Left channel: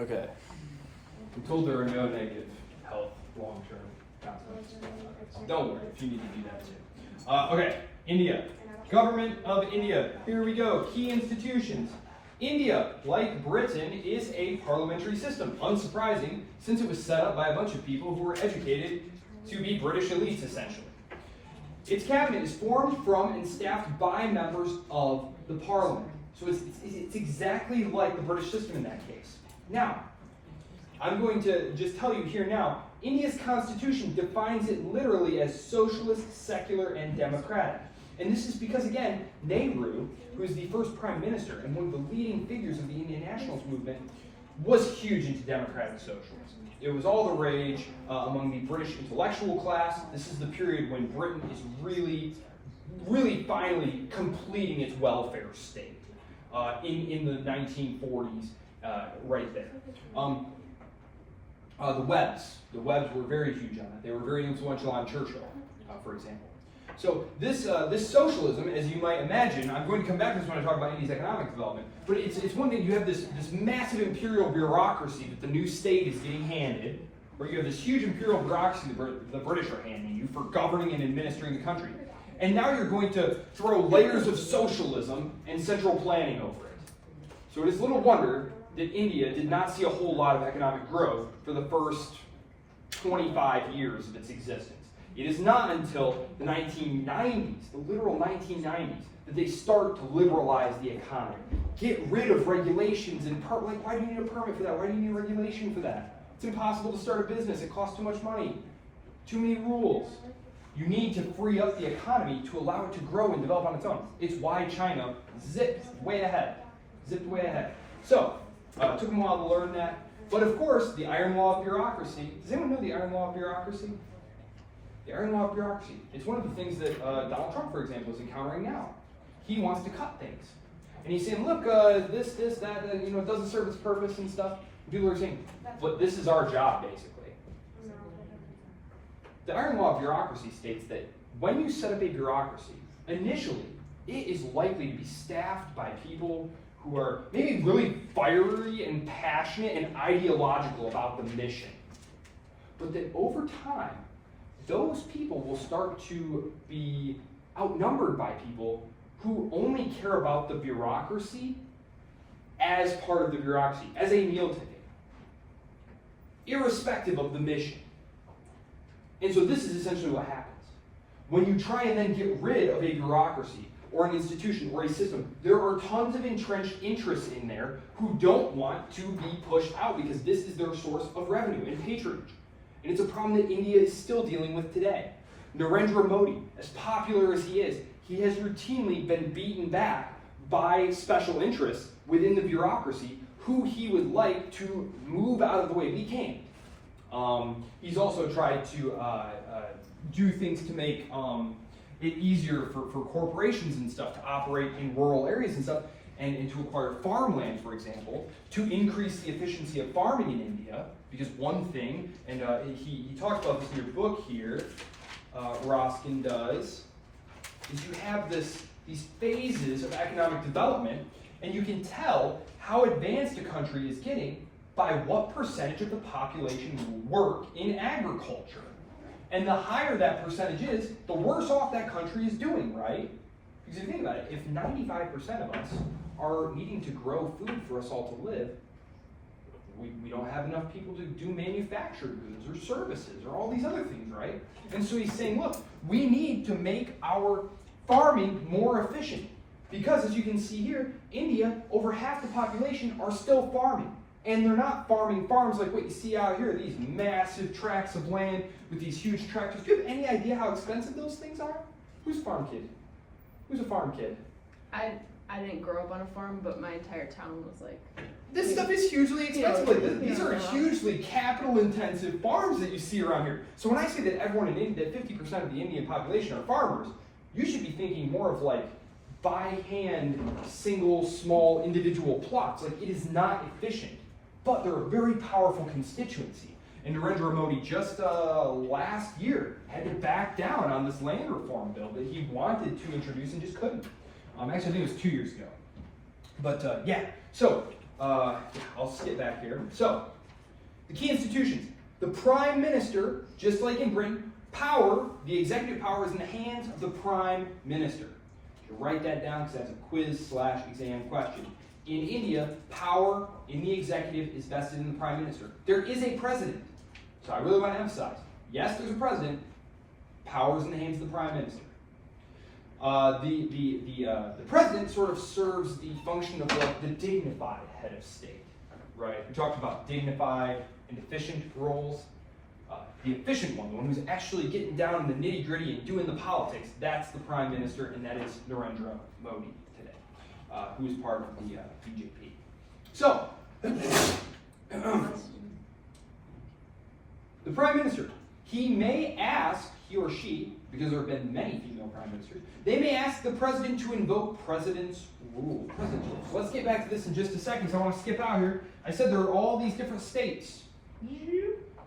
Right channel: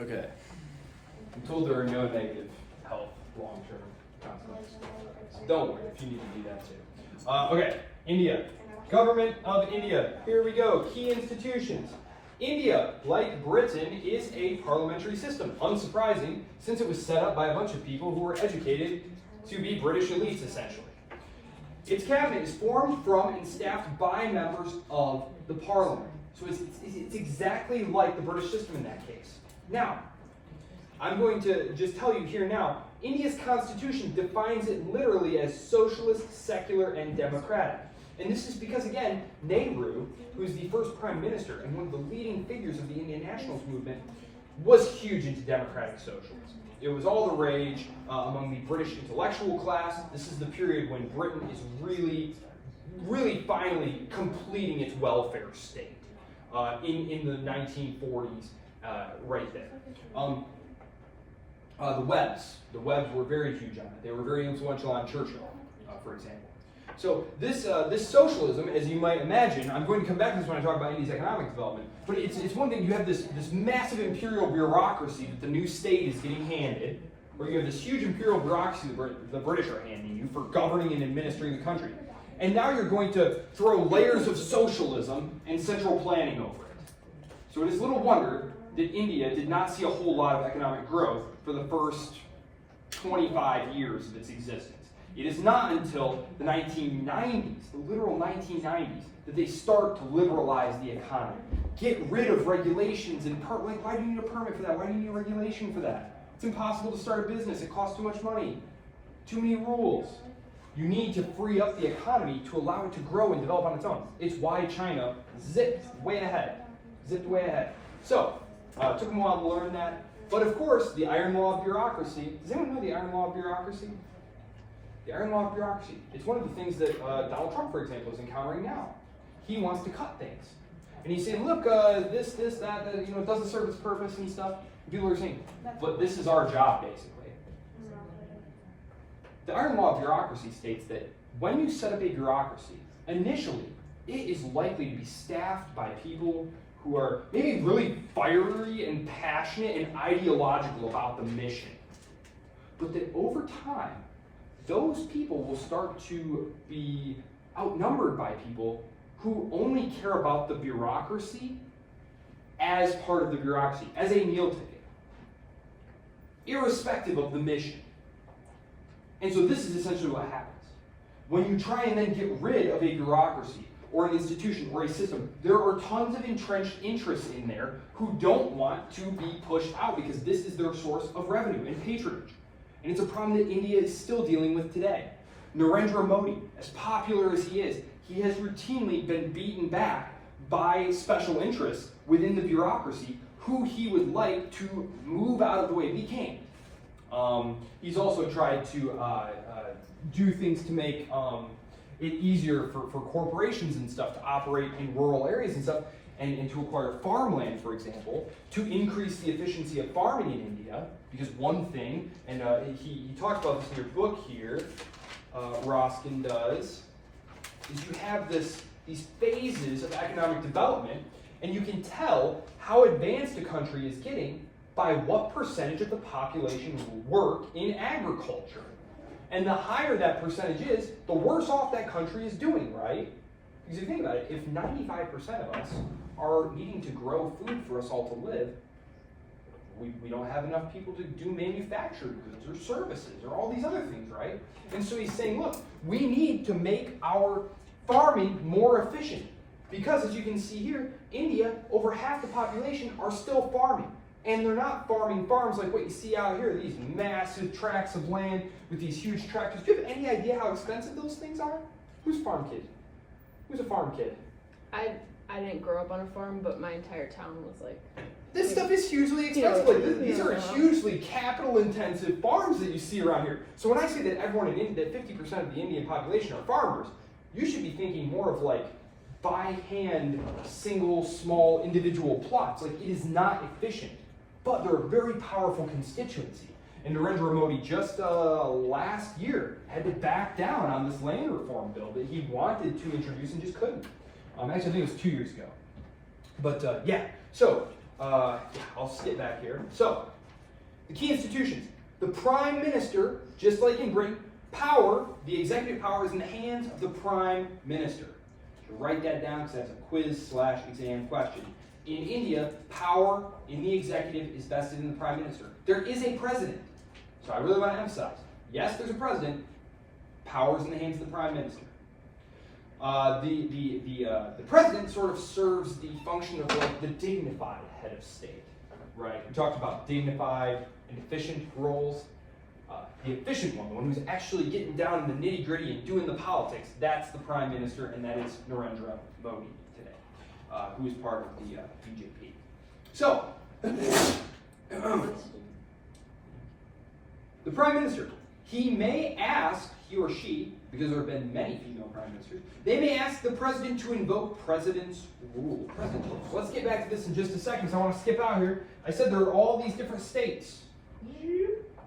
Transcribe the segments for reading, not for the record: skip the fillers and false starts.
Okay. I'm told there are no negative health long-term consequences. Don't worry if you need to do that too. Okay, India. Government of India. Here we go. Key institutions. India, like Britain, is a parliamentary system. Unsurprising, since it was set up by a bunch of people who were educated to be British elites, essentially. Its cabinet is formed from and staffed by members of the parliament. So it's exactly like the British system in that case. Now, I'm going to just tell you here now, India's constitution defines it literally as socialist, secular, and democratic. And this is because, again, Nehru, who is the first prime minister and one of the leading figures of the Indian nationalist movement, was huge into democratic socialism. It was all the rage among the British intellectual class. This is the period when Britain is really finally completing its welfare state in the 1940s, right there. The Webbs were very huge on that. They were very influential on Churchill, for example. So this socialism, as you might imagine, I'm going to come back to this when I talk about India's economic development, but it's one thing, you have this massive imperial bureaucracy that the new state is getting handed, or you have this huge imperial bureaucracy the British are handing you for governing and administering the country. And now you're going to throw layers of socialism and central planning over it. So it is little wonder that India did not see a whole lot of economic growth for the first 25 years of its existence. It is not until the 1990s, the literal 1990s, that they start to liberalize the economy. Get rid of regulations and like, why do you need a permit for that? Why do you need a regulation for that? It's impossible to start a business. It costs too much money. Too many rules. You need to free up the economy to allow it to grow and develop on its own. It's why China zipped way ahead. So, it took them a while to learn that. But of course, the iron law of bureaucracy. Does anyone know the iron law of bureaucracy? The iron law of bureaucracy. It's one of the things that Donald Trump, for example, is encountering now. He wants to cut things. And he's saying, look, this, that, it doesn't serve its purpose and stuff. And people are saying, but this is our job, basically. The iron law of bureaucracy states that when you set up a bureaucracy, initially, it is likely to be staffed by people who are maybe really fiery and passionate and ideological about the mission. But that over time, those people will start to be outnumbered by people who only care about the bureaucracy as part of the bureaucracy, as a meal ticket, irrespective of the mission. And so this is essentially what happens. When you try and then get rid of a bureaucracy or an institution or a system, there are tons of entrenched interests in there who don't want to be pushed out because this is their source of revenue and patronage. And it's a problem that India is still dealing with today. Narendra Modi, as popular as he is, he has routinely been beaten back by special interests within the bureaucracy who he would like to move out of the way. He can't. He's also tried to do things to make it easier for corporations and stuff to operate in rural areas and stuff, and to acquire farmland, for example, to increase the efficiency of farming in India. Because one thing, and he talks about this in your book here, Roskin does, is you have these phases of economic development, and you can tell how advanced a country is getting by what percentage of the population work in agriculture. And the higher that percentage is, the worse off that country is doing, right? Because if you think about it, if 95% of us are needing to grow food for us all to live, we don't have enough people to do manufactured goods or services or all these other things, right? And so he's saying, look, we need to make our farming more efficient. Because as you can see here, India, over half the population are still farming. And they're not farming farms like what you see out here, these massive tracts of land with these huge tractors. Do you have any idea how expensive those things are? Who's a farm kid? Who's a farm kid? I didn't grow up on a farm, but my entire town was like... This stuff is hugely expensive. These are hugely capital-intensive farms that you see around here. So when I say that everyone in India, that 50% of the Indian population are farmers, you should be thinking more of like by hand, single, small, individual plots. Like, it is not efficient, but they're a very powerful constituency. And Narendra Modi just last year had to back down on this land reform bill that he wanted to introduce and just couldn't. Actually, I think it was 2 years ago. But yeah, so I'll skip back here. So, the key institutions. The Prime Minister, just like in Britain, the executive power is in the hands of the Prime Minister. You should write that down because that's a quiz/exam question. In India, power in the executive is vested in the Prime Minister. There is a president. So I really want to emphasize, yes, there's a president. Power is in the hands of the Prime Minister. The president sort of serves the function of like the dignified head of state, right? We talked about dignified and efficient roles. The efficient one, the one who's actually getting down in the nitty gritty and doing the politics, that's the Prime Minister, and that is Narendra Modi today, who is part of the BJP. So, the Prime Minister, he or she, because there have been many female Prime Ministers, they may ask the President to invoke President's rule. So let's get back to this in just a second, so I want to skip out here. I said there are all these different states.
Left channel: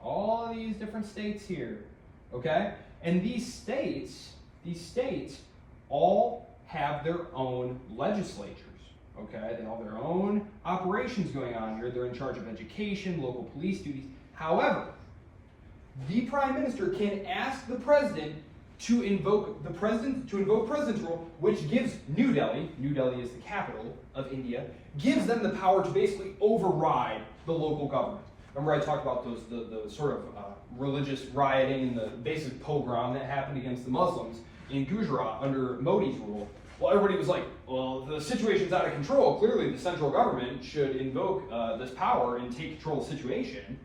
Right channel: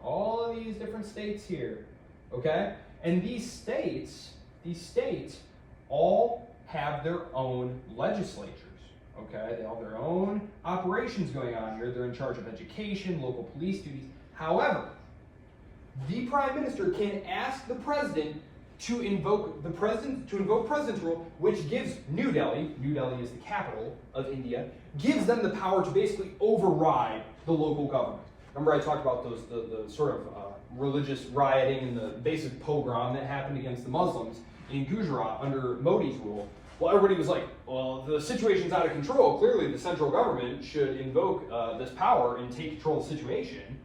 All of these different states here, okay? And these states all have their own legislatures, okay? They all have their own operations going on here. They're in charge of education, local police duties. However, the Prime Minister can ask the President to invoke President's rule, which gives New Delhi is the capital of India, gives them the power to basically override the local government. Remember I talked about the sort of religious rioting and the basic pogrom that happened against the Muslims in Gujarat under Modi's rule? Well, everybody was like, well, the situation's out of control. Clearly, the central government should invoke this power and take control of the situation.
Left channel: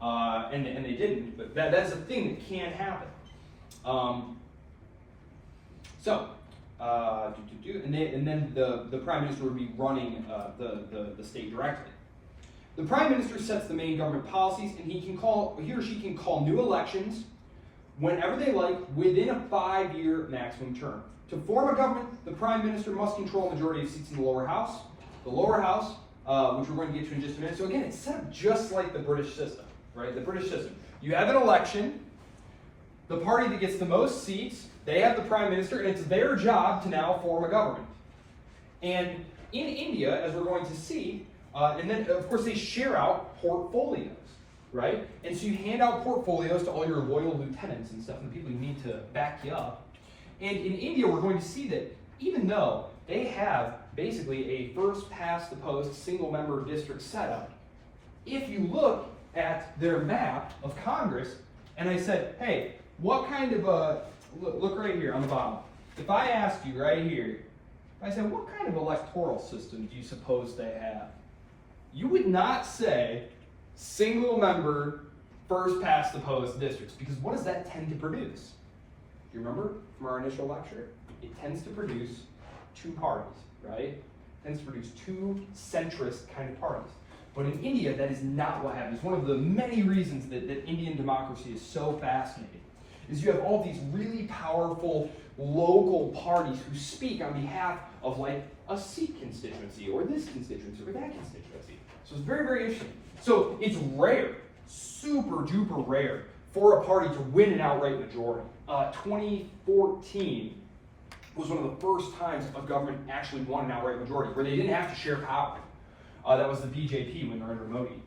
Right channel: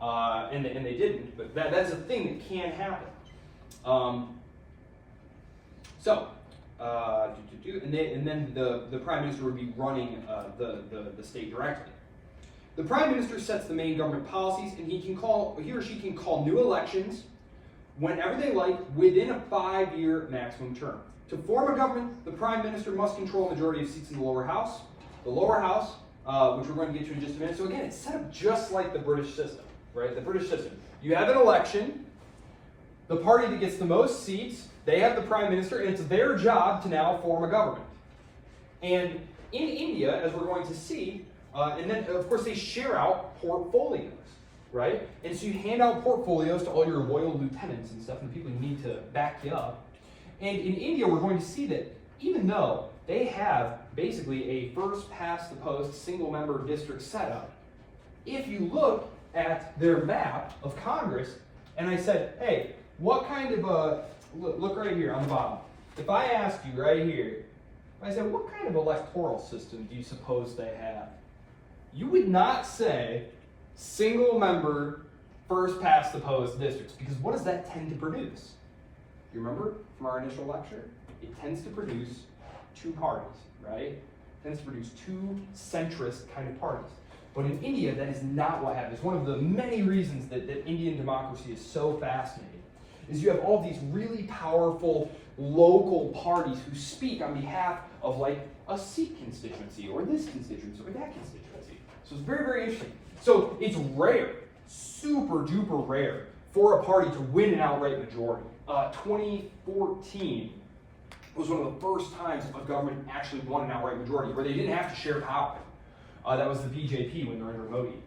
And they didn't, but that's a thing that can happen. And then the Prime Minister would be running the state directly. The Prime Minister sets the main government policies, and he or she can call new elections whenever they like within a 5-year maximum term. To form a government, the Prime Minister must control a majority of seats in the lower house. The lower house, which we're going to get to in just a minute. So again, it's set up just like the British system, right? The British system. You have an election. The party that gets the most seats, they have the Prime Minister, and it's their job to now form a government. And in India, as we're going to see, and then, of course, they share out portfolios, right? And so you hand out portfolios to all your loyal lieutenants and stuff, and people you need to back you up. And in India, we're going to see that even though they have basically a first-past-the-post, single-member district setup, if you look at their map of Congress, and I said, hey, what kind of look right here on the bottom. If I ask you right here, if I said, what kind of electoral system do you suppose they have? You would not say single-member, first-past-the-post districts, because what does that tend to produce? You remember from our initial lecture? It tends to produce two parties, right? It tends to produce two centrist kind of parties. But in India, that is not what happens. One of the many reasons that Indian democracy is so fascinating is you have all these really powerful local parties who speak on behalf of like a Sikh constituency or this constituency or that constituency. So it's very, very interesting. So it's rare, super duper rare, for a party to win an outright majority. 2014 was one of the first times a government actually won an outright majority where they didn't have to share power. That was the BJP when Narendra Modi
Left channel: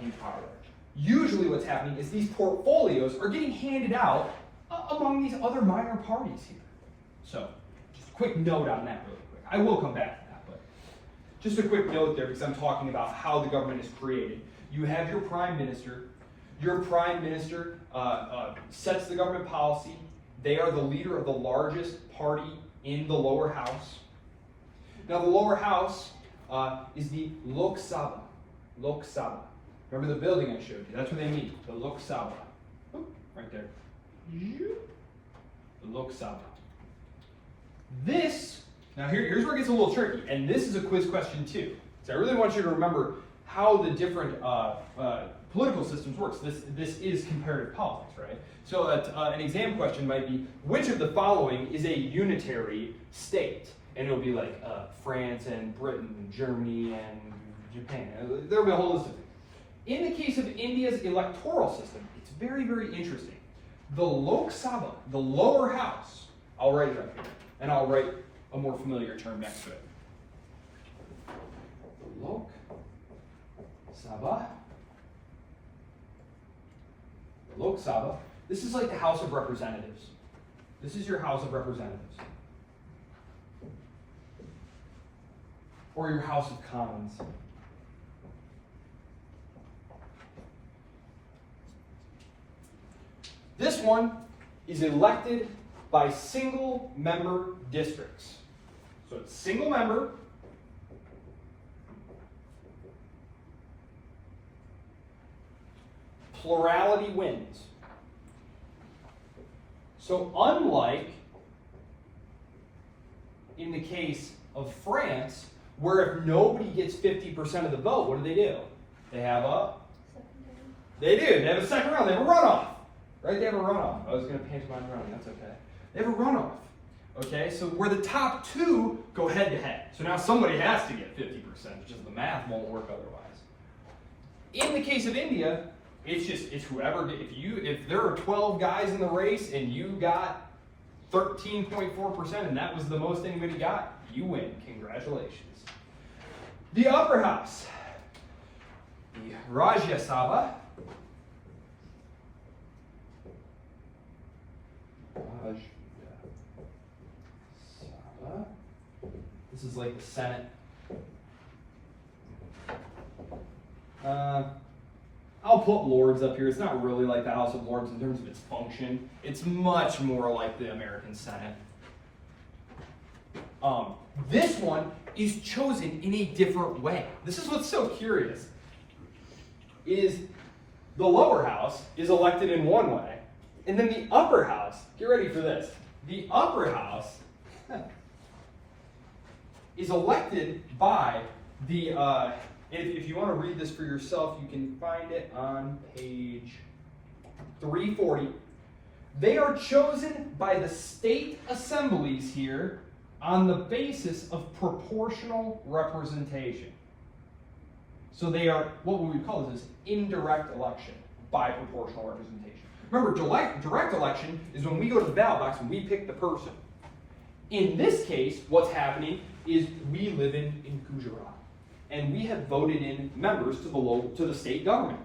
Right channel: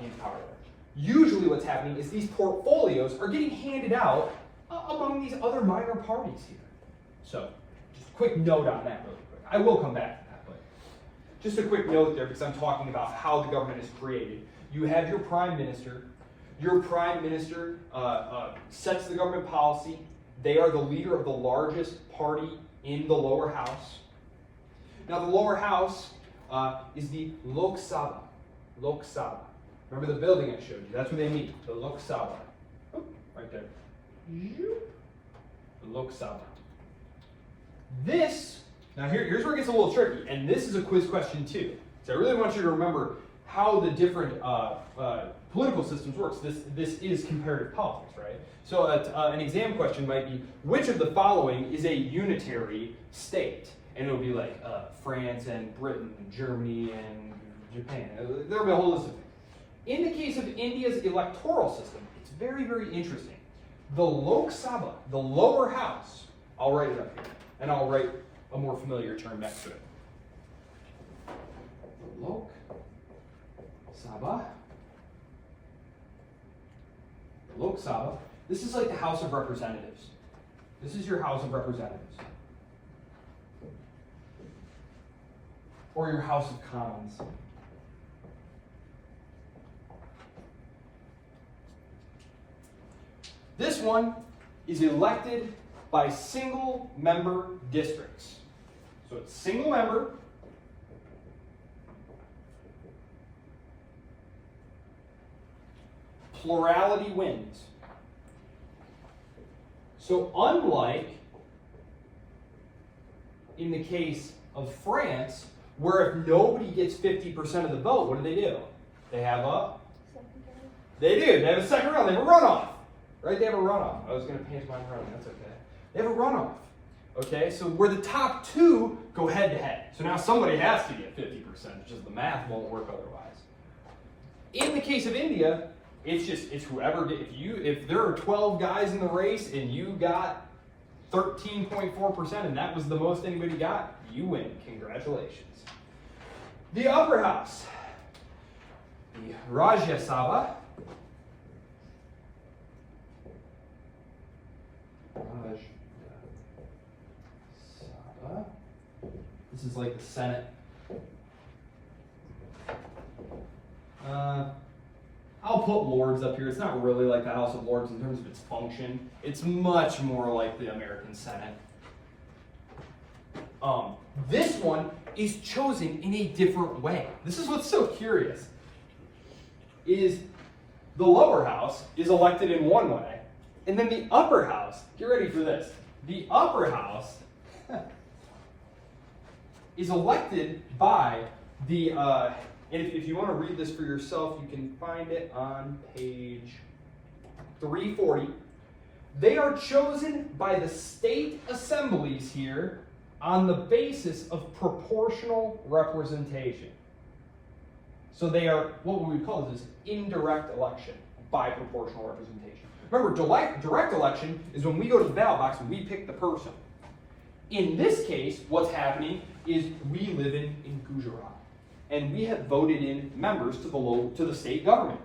came to power there. Usually what's happening is these portfolios are getting handed out among these other minor parties here. So, just a quick note on that really quick. I will come back to that, but just a quick note there because I'm talking about how the government is created. You have your Prime Minister. Your Prime Minister sets the government policy. They are the leader of the largest party in the lower house. Now the lower house is the Lok Sabha. Lok Sabha. Remember the building I showed you? That's where they meet. The Lok Sabha. Oh, right there. The Lok Sabha. This, now here's where it gets a little tricky, and this is a quiz question too. So I really want you to remember how the different political systems works. This is comparative politics, right? So an exam question might be, which of the following is a unitary state? And it'll be like France and Britain and Germany and Japan. There'll be a whole list of things. In the case of India's electoral system, it's very, very interesting. The Lok Sabha, the lower house, I'll write it up here, and I'll write a more familiar term next to it. Lok Sabha. Lok Sabha. This is like the House of Representatives. This is your House of Representatives. Or your House of Commons. This one is elected by single member districts. So it's single member. Plurality wins. So unlike in the case of France, where if nobody gets 50% of the vote, what do? They have a They have a second round, they have a runoff. Right? They have a runoff. I was going to paint mine running, that's okay. They have a runoff. Okay, so where the top two go head to head. So now somebody has to get 50%, just the math won't work otherwise. In the case of India, it's whoever, if there are 12 guys in the race and you got 13.4% and that was the most anybody got, you win. Congratulations. The upper house, the Rajya Sabha. This is like the Senate. I'll put Lords up here. It's not really like the House of Lords in terms of its function. It's much more like the American Senate. This one is chosen in a different way. This is what's so curious. Is the lower house is elected in one way, and then the upper house, get ready for this. The upper house is elected by the, and if you want to read this for yourself, you can find it on page 340. They are chosen by the state assemblies here on the basis of proportional representation. So they are, what we would call this is indirect election by proportional representation. Remember, direct election is when we go to the ballot box and we pick the person. In this case, what's happening is we live in Gujarat, and we have voted in members to the state government.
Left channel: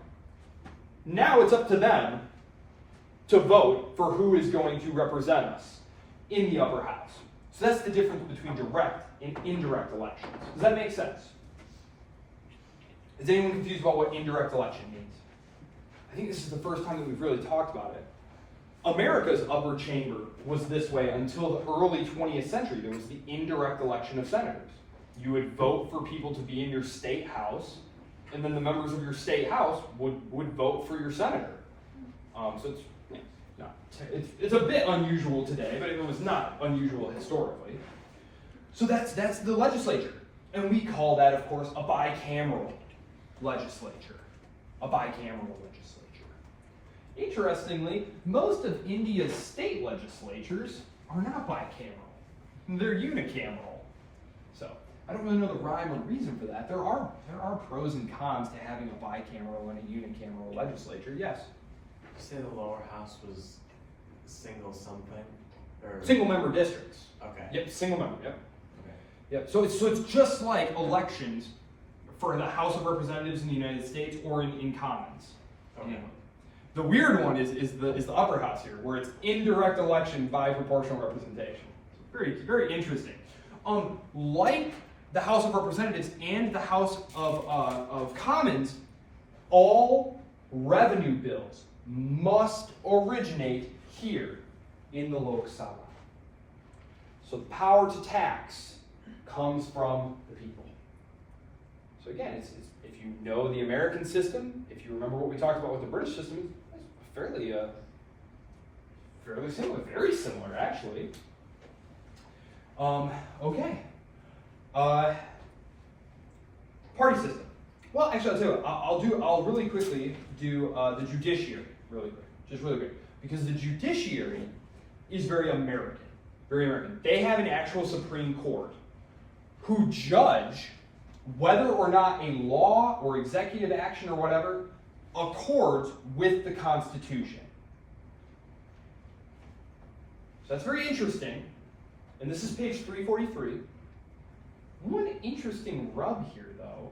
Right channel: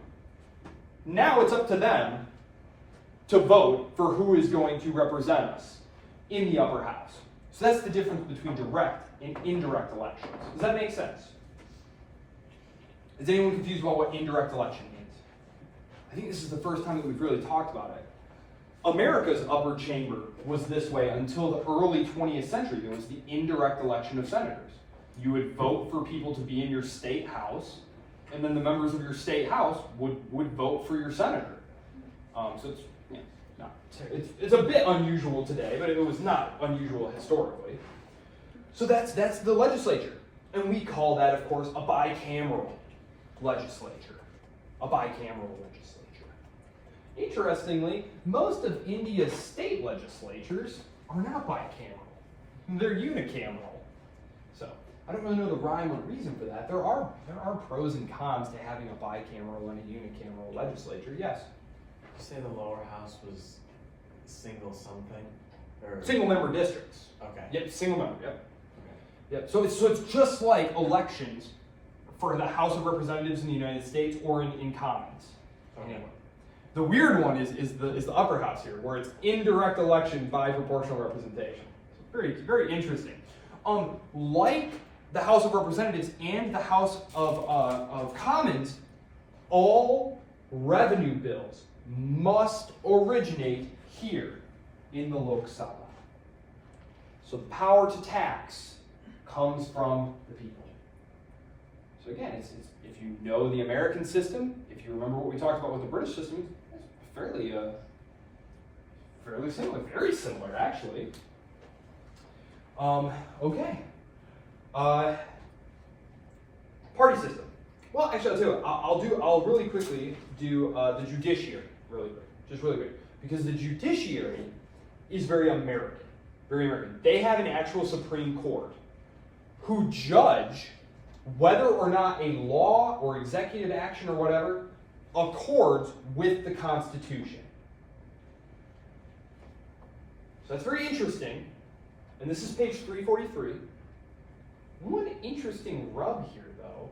Now it's up to them to vote for who is going to represent us in the upper house. So that's the difference between direct and indirect elections. Does that make sense? Is anyone confused about what indirect election means? I think this is the first time that we've really talked about it. America's upper chamber was this way until the early 20th century. There was the indirect election of senators. You would vote for people to be in your state house, and then the members of your state house would vote for your senator. So it's a bit unusual today, but it was not unusual historically. So that's the legislature. And we call that, of course, a bicameral legislature. A bicameral legislature. Interestingly, most of India's state legislatures are not bicameral. They're unicameral. So I don't really know the rhyme or reason for that. There are pros and cons to having a bicameral and a unicameral legislature. Yes? Did you say the lower house was single something? Or Single member districts. Okay. Yep, single member, yep. Okay. Yep. So it's just like elections for the House of Representatives in the United States or in Commons. Okay. The weird one is the upper house here, where it's indirect election by proportional representation. It's very interesting. Like the House of Representatives and the House of Commons, all revenue bills must originate here in the Lok Sabha. So the power to tax comes from the people. So again, it's if you know the American system, if you remember what we talked about with the British system, it's fairly similar, very similar actually. Okay. Party system. Well, actually, I'll tell you what, I'll really quickly do the judiciary, really quick, because the judiciary is very American, very American. They have an actual Supreme Court who judge whether or not a law or executive action or whatever accords with the Constitution. So that's very interesting. And this is page 343. One interesting rub here, though,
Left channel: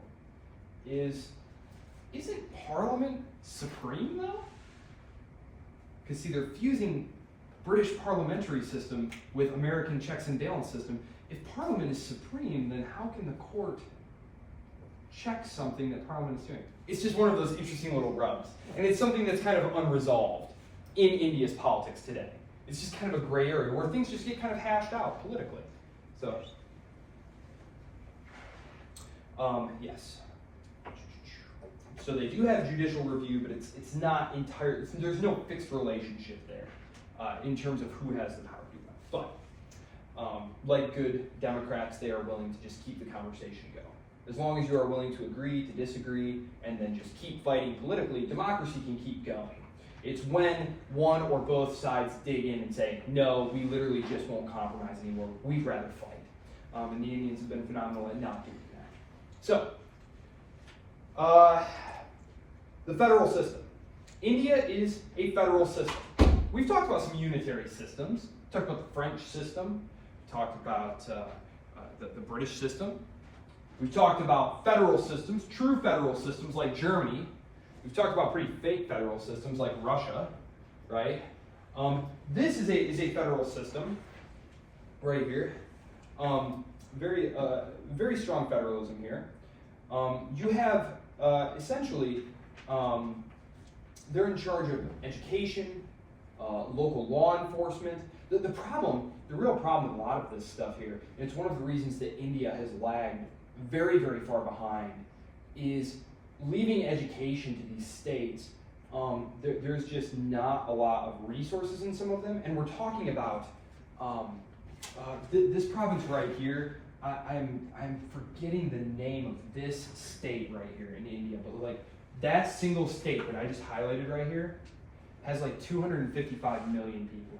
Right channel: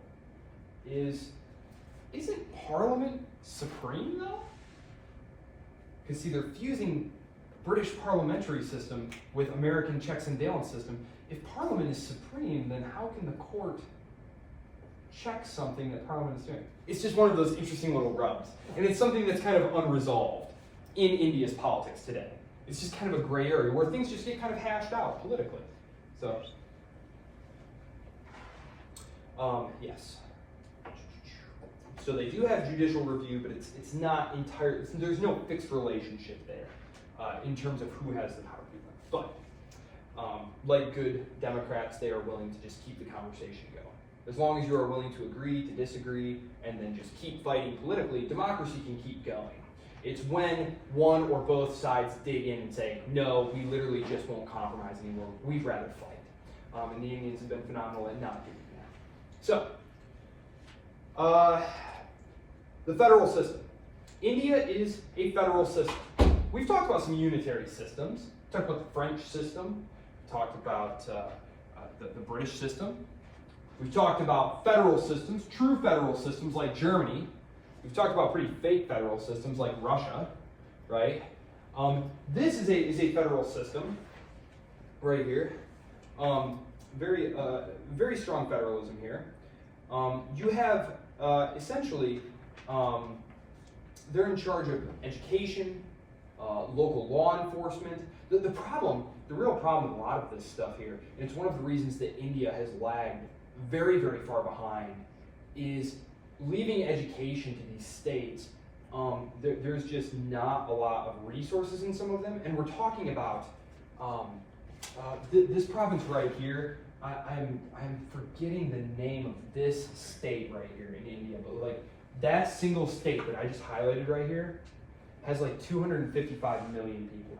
is isn't Parliament supreme though? Because see, they're fusing British parliamentary system with American checks and balance system. If Parliament is supreme, then how can the court check something that Parliament is doing? It's just one of those interesting little rubs. And it's something that's kind of unresolved in India's politics today. It's just kind of a gray area where things just get kind of hashed out politically. So, yes. So they do have judicial review, but it's not entire. There's no fixed relationship there in terms of who has the power to do that. But like good Democrats, they are willing to just keep the conversation going. As long as you are willing to agree to disagree and then just keep fighting politically, democracy can keep going. It's when one or both sides dig in and say, no, we literally just won't compromise anymore. We'd rather fight. And the Indians have been phenomenal at not doing that. So, the federal system. India is a federal system. We've talked about some unitary systems. We talked about the French system. We talked about the British system. We've talked about federal systems, true federal systems like Germany. We've talked about pretty fake federal systems like Russia, right? This is a federal system right here. Very strong federalism here. You have essentially, they're in charge of education, local law enforcement. The real problem with a lot of this stuff here, and it's one of the reasons that India has lagged very, very far behind, is leaving education to these states. There's just not a lot of resources in some of them, and we're talking about this province right here. I'm forgetting the name of this state right here in India, but like that single state that I just highlighted right here has like 255 million people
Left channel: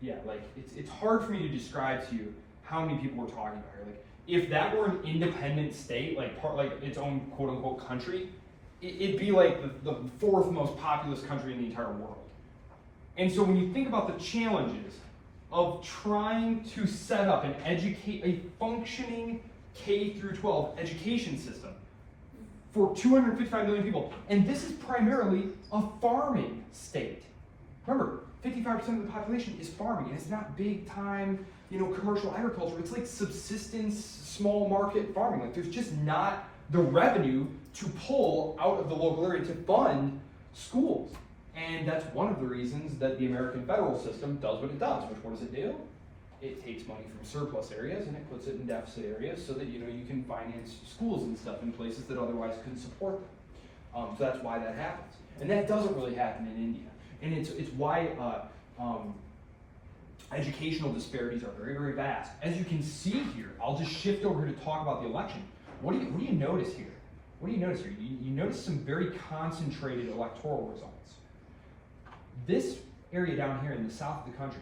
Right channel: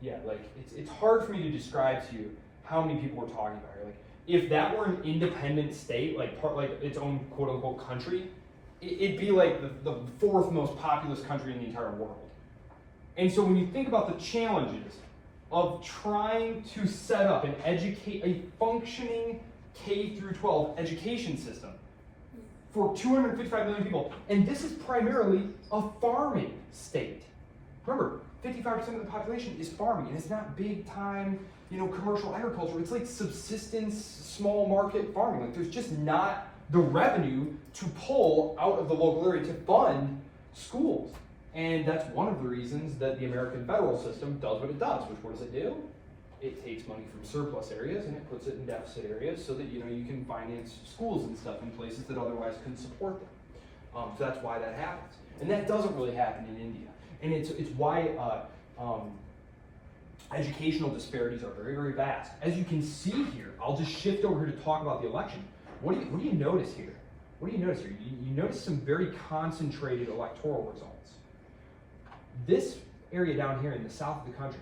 in it. Yeah, like it's hard for me to describe to you how many people we're talking about here. Like if that were an independent state, like its own quote unquote country, it'd be like the fourth most populous country in the entire world. And so when you think about the challenges of trying to set up and educate a functioning K through 12 education system for 255 million people, and this is primarily a farming state. Remember, 55% of the population is farming, and it's not big time, commercial agriculture. It's like subsistence, small market farming. Like there's just not the revenue to pull out of the local area to fund schools. And that's one of the reasons that the American federal system does what it does. Which what does it do? It takes money from surplus areas and it puts it in deficit areas so that you can finance schools and stuff in places that otherwise couldn't support them. So that's why that happens. And that doesn't really happen in India. And it's why educational disparities are very, very vast. As you can see here, I'll just shift over here to talk about the election. What do you notice here? What do you notice here? You notice some very concentrated electoral results. This area down here in the south of the country,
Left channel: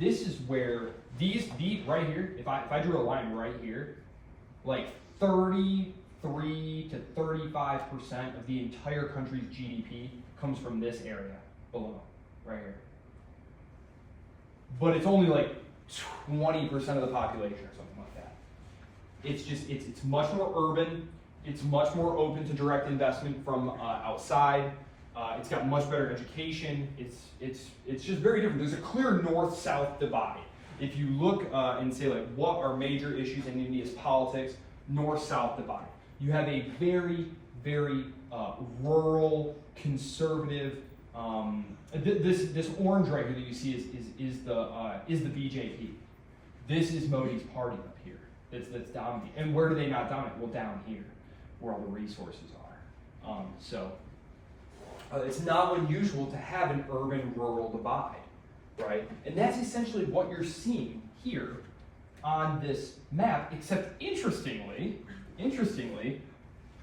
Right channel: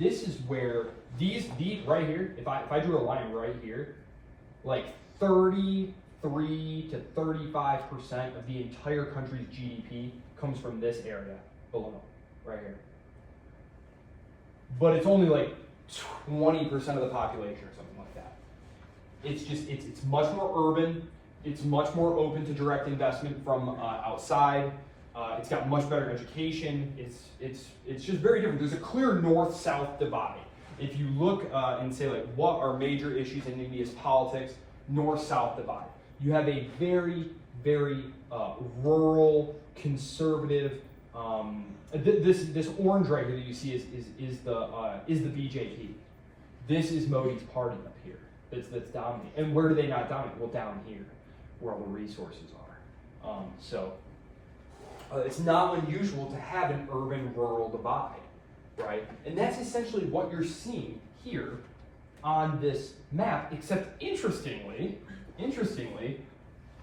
this is where these right here, if I drew a line right here, like 33 to 35% of the entire country's GDP comes from this area below, right here. But it's only like 20% of the population or something like that. It's much more urban. It's much more open to direct investment from outside. It's got much better education. It's just very different. There's a clear north-south divide. If you look and say like, what are major issues in India's politics? North-south divide. You have a very, very rural, conservative. This orange right here that you see is the BJP. This is Modi's party up here. That's dominating. And where do they not dominate? Well, down here, where all the resources are. It's not unusual to have an urban-rural divide, right? And that's essentially what you're seeing here on this map, except interestingly,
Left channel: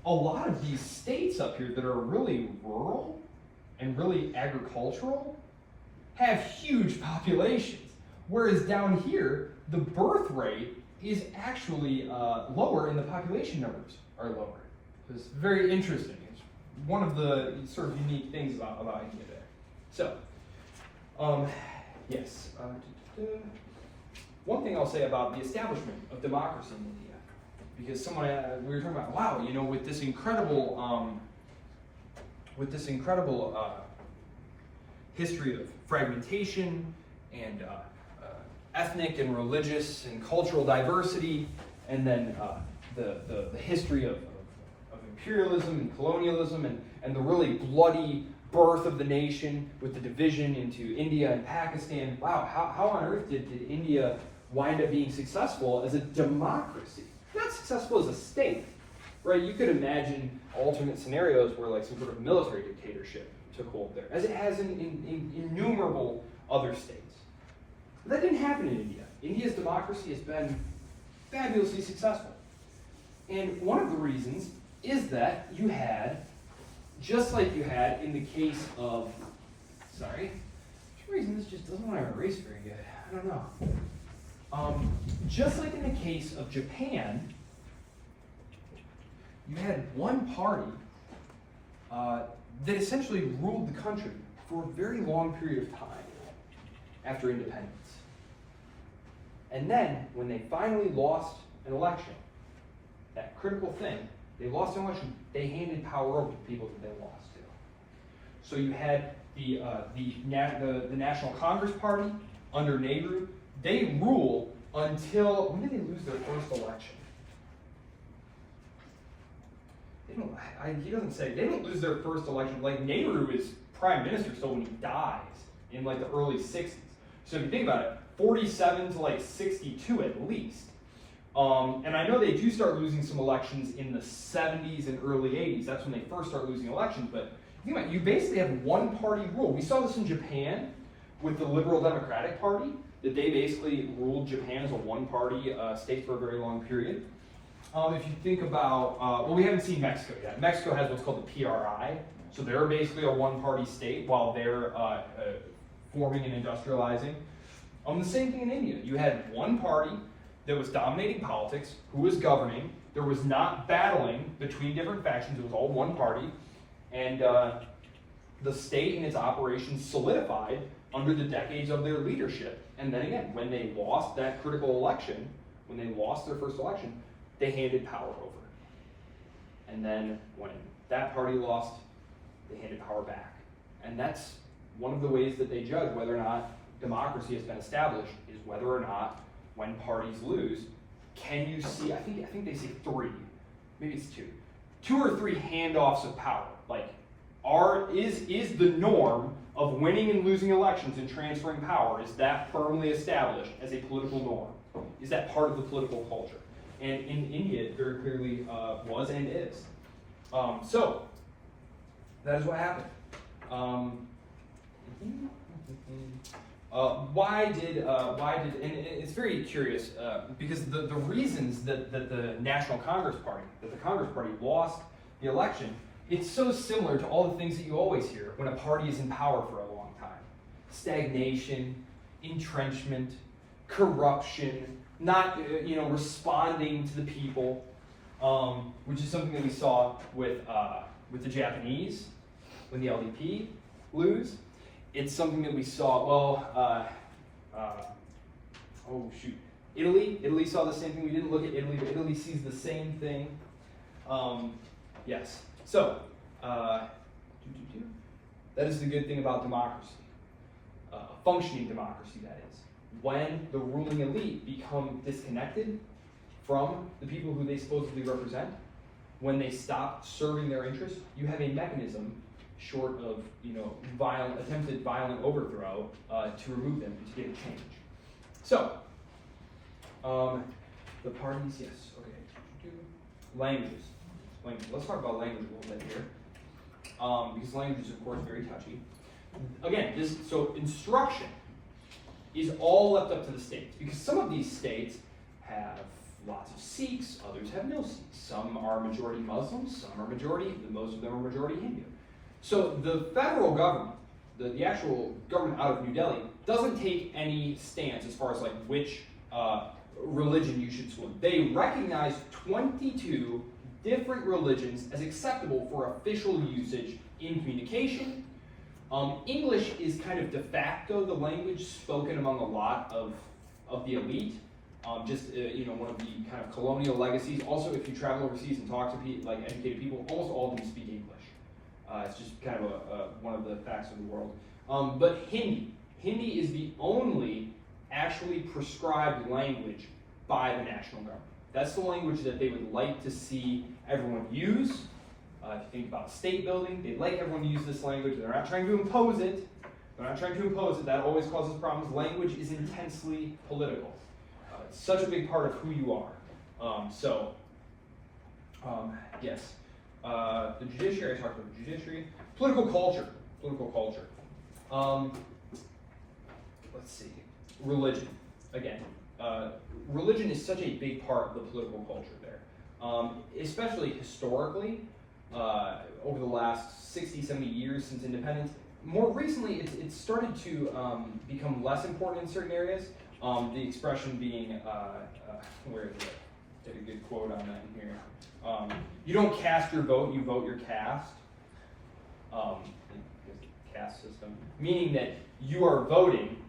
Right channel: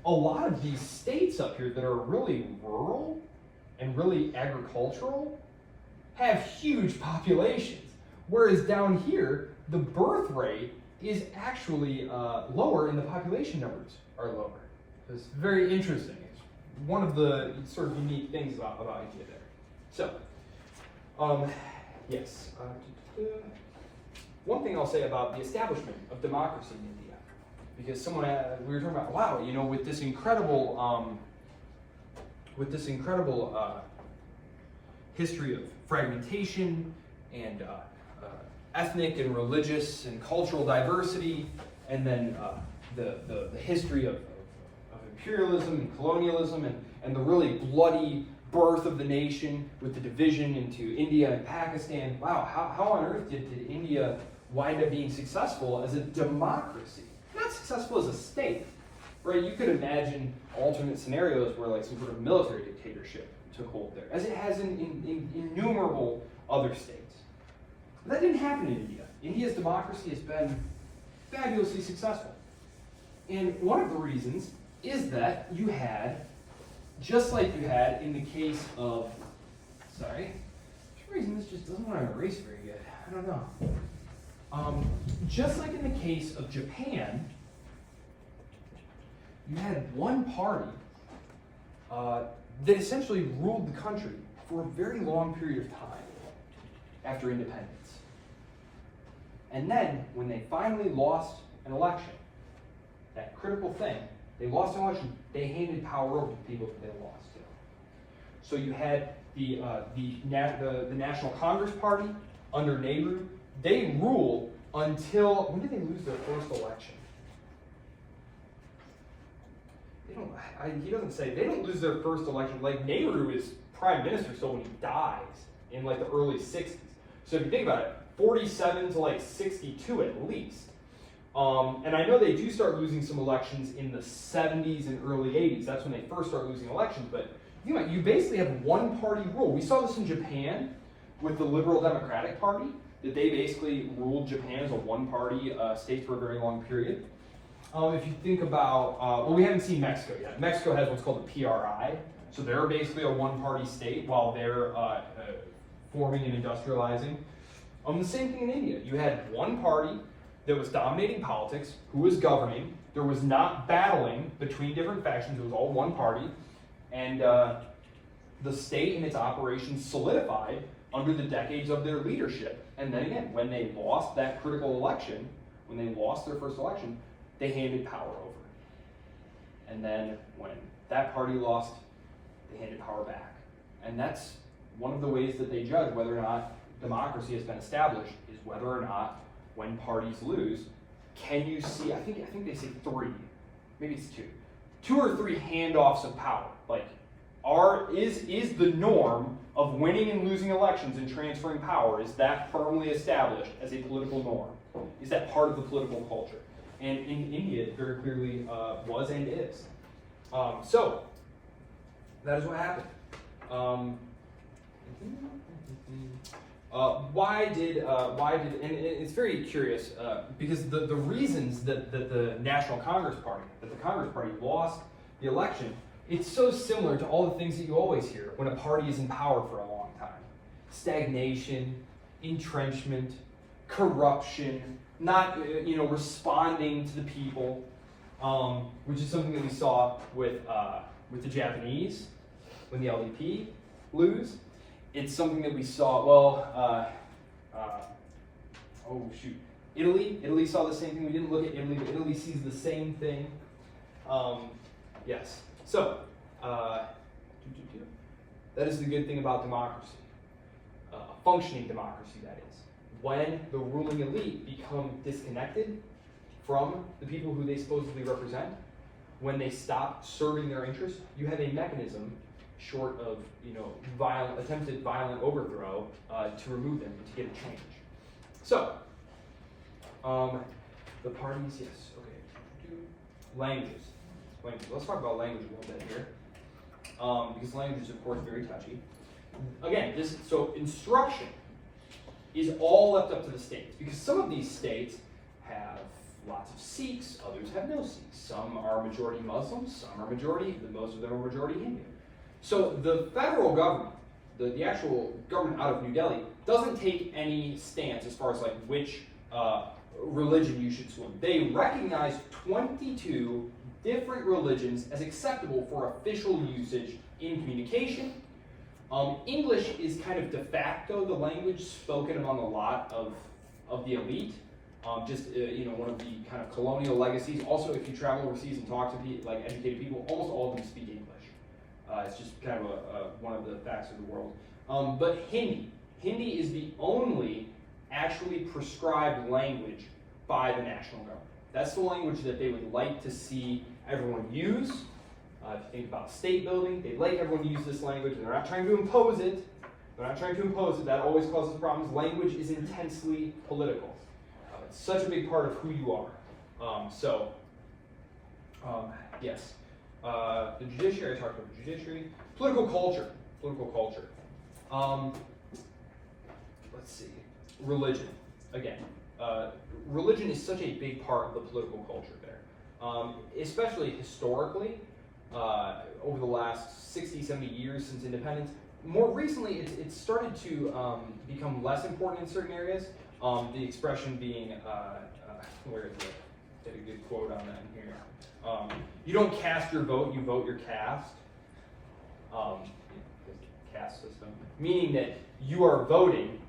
a lot of these states up here that are really rural and really agricultural have huge populations. Whereas down here, the birth rate is actually lower and the population numbers are lower. So it's very interesting. It's one of the sort of unique things about India there. So, yes. One thing I'll say about the establishment of democracy in India because someone, we were talking about, wow, you know, with this incredible history of fragmentation and ethnic and religious and cultural diversity, and then the history of imperialism and colonialism, and the really bloody birth of the nation with the division into India and Pakistan. Wow, how on earth did India wind up being successful as a democracy? Not successful as a state, right? You could imagine alternate scenarios where like some sort of military dictatorship took hold there, as it has in innumerable other states. But that didn't happen in India. India's democracy has been fabulously successful. And one of the reasons is that you had, just like you had in the case of, for some reason this just doesn't want to erase very good. I don't know. Just like in the case of Japan, you had one party that essentially ruled the country for a very long period of time after independence. And then, when they finally lost an election, that critical thing, they lost an election, they handed power over to people that they lost to. So you had the National Congress Party under Nehru. They rule until, when did they lose their first election? He doesn't say. They don't lose their first election. Like, Nehru is prime minister still when he dies in like the early 60s. So if you think about it, 47 to like 62 at least. And I know they do start losing some elections in the 70s and early 80s. That's when they first start losing elections. But think about it, you basically have one party rule. We saw this in Japan with the Liberal Democratic Party, that they basically ruled Japan as a one-party state for a very long period. If you think about, well, we haven't seen Mexico yet. Mexico has what's called the PRI. So they're basically a one-party state while they're forming and industrializing. The same thing in India. You had one party that was dominating politics, who was governing. There was not battling between different factions. It was all one party. And the state and its operations solidified under the decades of their leadership. And then again, when they lost that critical election, when they lost their first election, they handed power over. And then when that party lost, they handed power back. And that's one of the ways that they judge whether or not democracy has been established, is whether or not, when parties lose, can you see, I think they say 3, maybe it's 2 or 3 handoffs of power. Like, is the norm of winning and losing elections and transferring power, is that firmly established as a political norm? Is that part of the political culture? And in India, it very clearly was and is. So, that is what happened. Why did, and it's very curious, because the reasons that the National Congress Party, that the Congress Party lost the election, it's so similar to all the things that you always hear when a party is in power for a long time. Stagnation, entrenchment, corruption, not responding to the people, which is something that we saw with the Japanese when the LDP lose. It's something that we saw, Italy saw the same thing. We didn't look at Italy, but Italy sees the same thing. Yes. So, that is the good thing about democracy. Functioning democracy, that is. When the ruling elite become disconnected from the people who they supposedly represent, when they stop serving their interests, you have a mechanism, short of attempted violent overthrow, to remove them and to get a change. So, the parties, yes, okay. Languages. Let's talk about language a little bit here, because language is, of course, very touchy. Again, so instruction is all left up to the states, because some of these states have lots of Sikhs, others have no Sikhs. Some are majority Muslims, some are majority, most of them are majority Hindu. So the federal government, the actual government out of New Delhi, doesn't take any stance as far as like which religion you should swim. They recognize 22 different religions as acceptable for official usage in communication. English is kind of de facto the language spoken among a lot of the elite. One of the kind of colonial legacies. Also, if you travel overseas and talk to like educated people, almost all of them speak English. It's just kind of one of the facts of the world. But Hindi is the only actually prescribed language by the national government. That's the language that they would like to see everyone use. If you think about state building, they'd like everyone to use this language. They're not trying to impose it. That always causes problems. Language is intensely political. It's such a big part of who you are. Yes. The judiciary, I talked about the judiciary. Political culture. Let's see. Religion. Again, religion is such a big part of the political culture there. Especially historically, over the last 60, 70 years since independence. More recently, it's started to become less important in certain areas. The expression being, where is it? Get a good quote on that in here. You don't cast your vote, you vote your caste. Caste system. Meaning that you are voting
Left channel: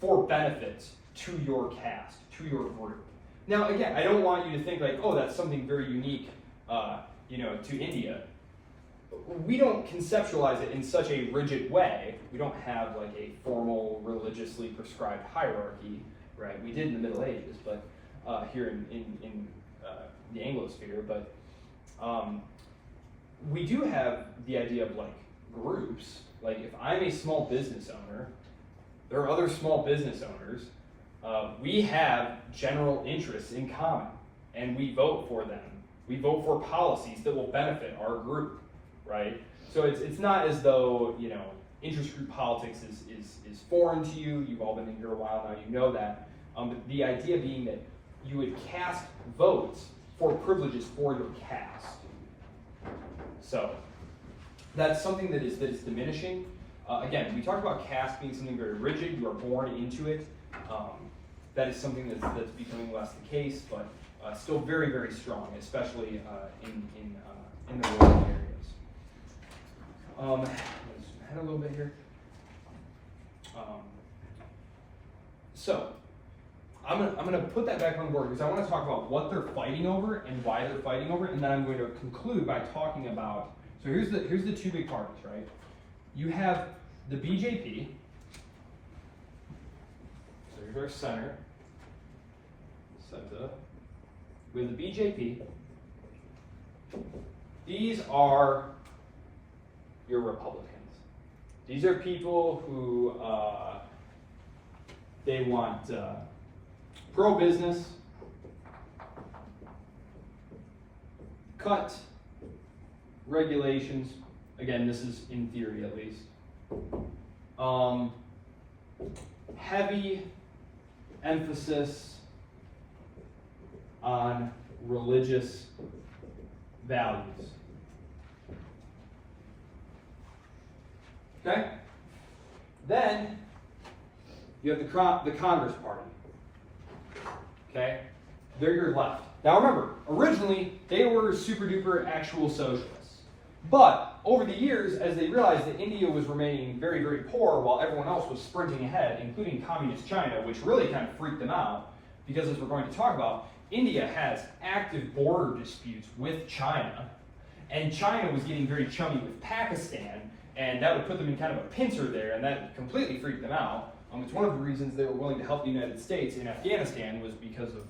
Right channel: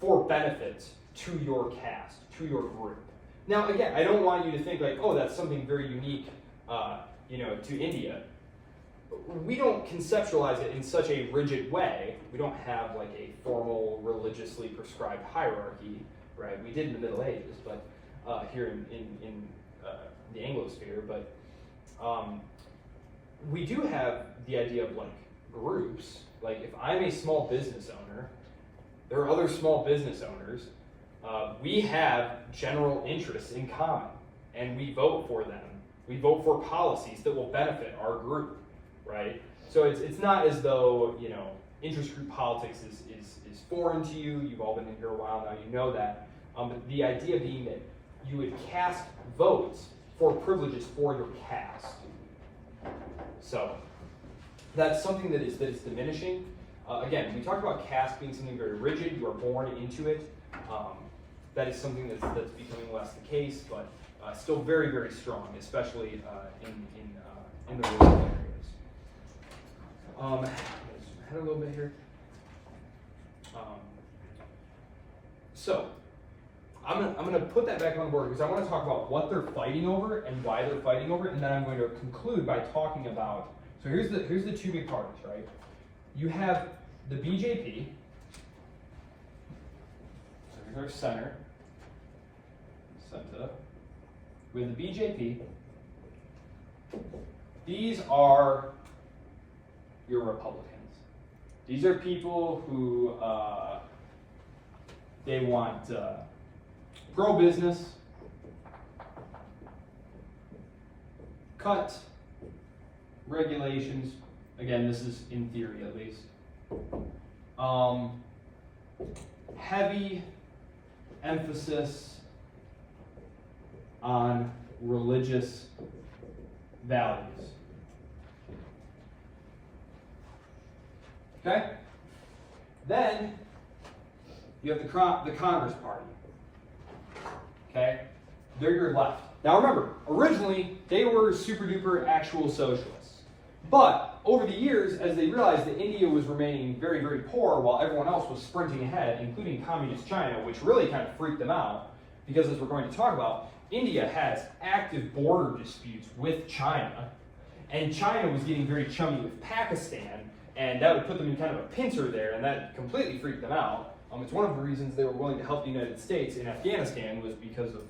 for benefits to your caste, to your group. Now, again, I don't want you to think like, oh, that's something very unique, to India. We don't conceptualize it in such a rigid way. We don't have like a formal religiously prescribed hierarchy, right? We did in the Middle Ages, but here in the Anglosphere, but we do have the idea of like groups. Like if I'm a small business owner, there are other small business owners. We have general interests in common, and we vote for them. We vote for policies that will benefit our group. Right? So it's not as though, interest group politics is foreign to you. You've all been in here a while now, you know that. But the idea being that you would cast votes for privileges for your caste. So that's something that is diminishing. Again, we talked about caste being something very rigid. You are born into it. That is something that's becoming less the case, but still very, very strong, especially in the rural areas. Let's zoom ahead a little bit here. So I'm gonna put that back on the board because I want to talk about what they're fighting over and why they're fighting over, and then I'm going to conclude by talking about. So here's the two big parties, right? You have the BJP. There's our center. We have the BJP. These are your Republicans. These are people who they want pro-business, cut regulations. Again, this is in theory at least. Heavy emphasis on religious values. Okay? Then you have the Congress Party. Okay? They're your left. Now remember, originally they were super duper actual socialists. But over the years, as they realized that India was remaining very, very poor while everyone else was sprinting ahead, including communist China, which really kind of freaked them out, because as we're going to talk about, India has active border disputes with China, and China was getting very chummy with Pakistan, and that would put them in kind of a pincer there, and that completely freaked them out. It's one of the reasons they were willing to help the United States in Afghanistan was because of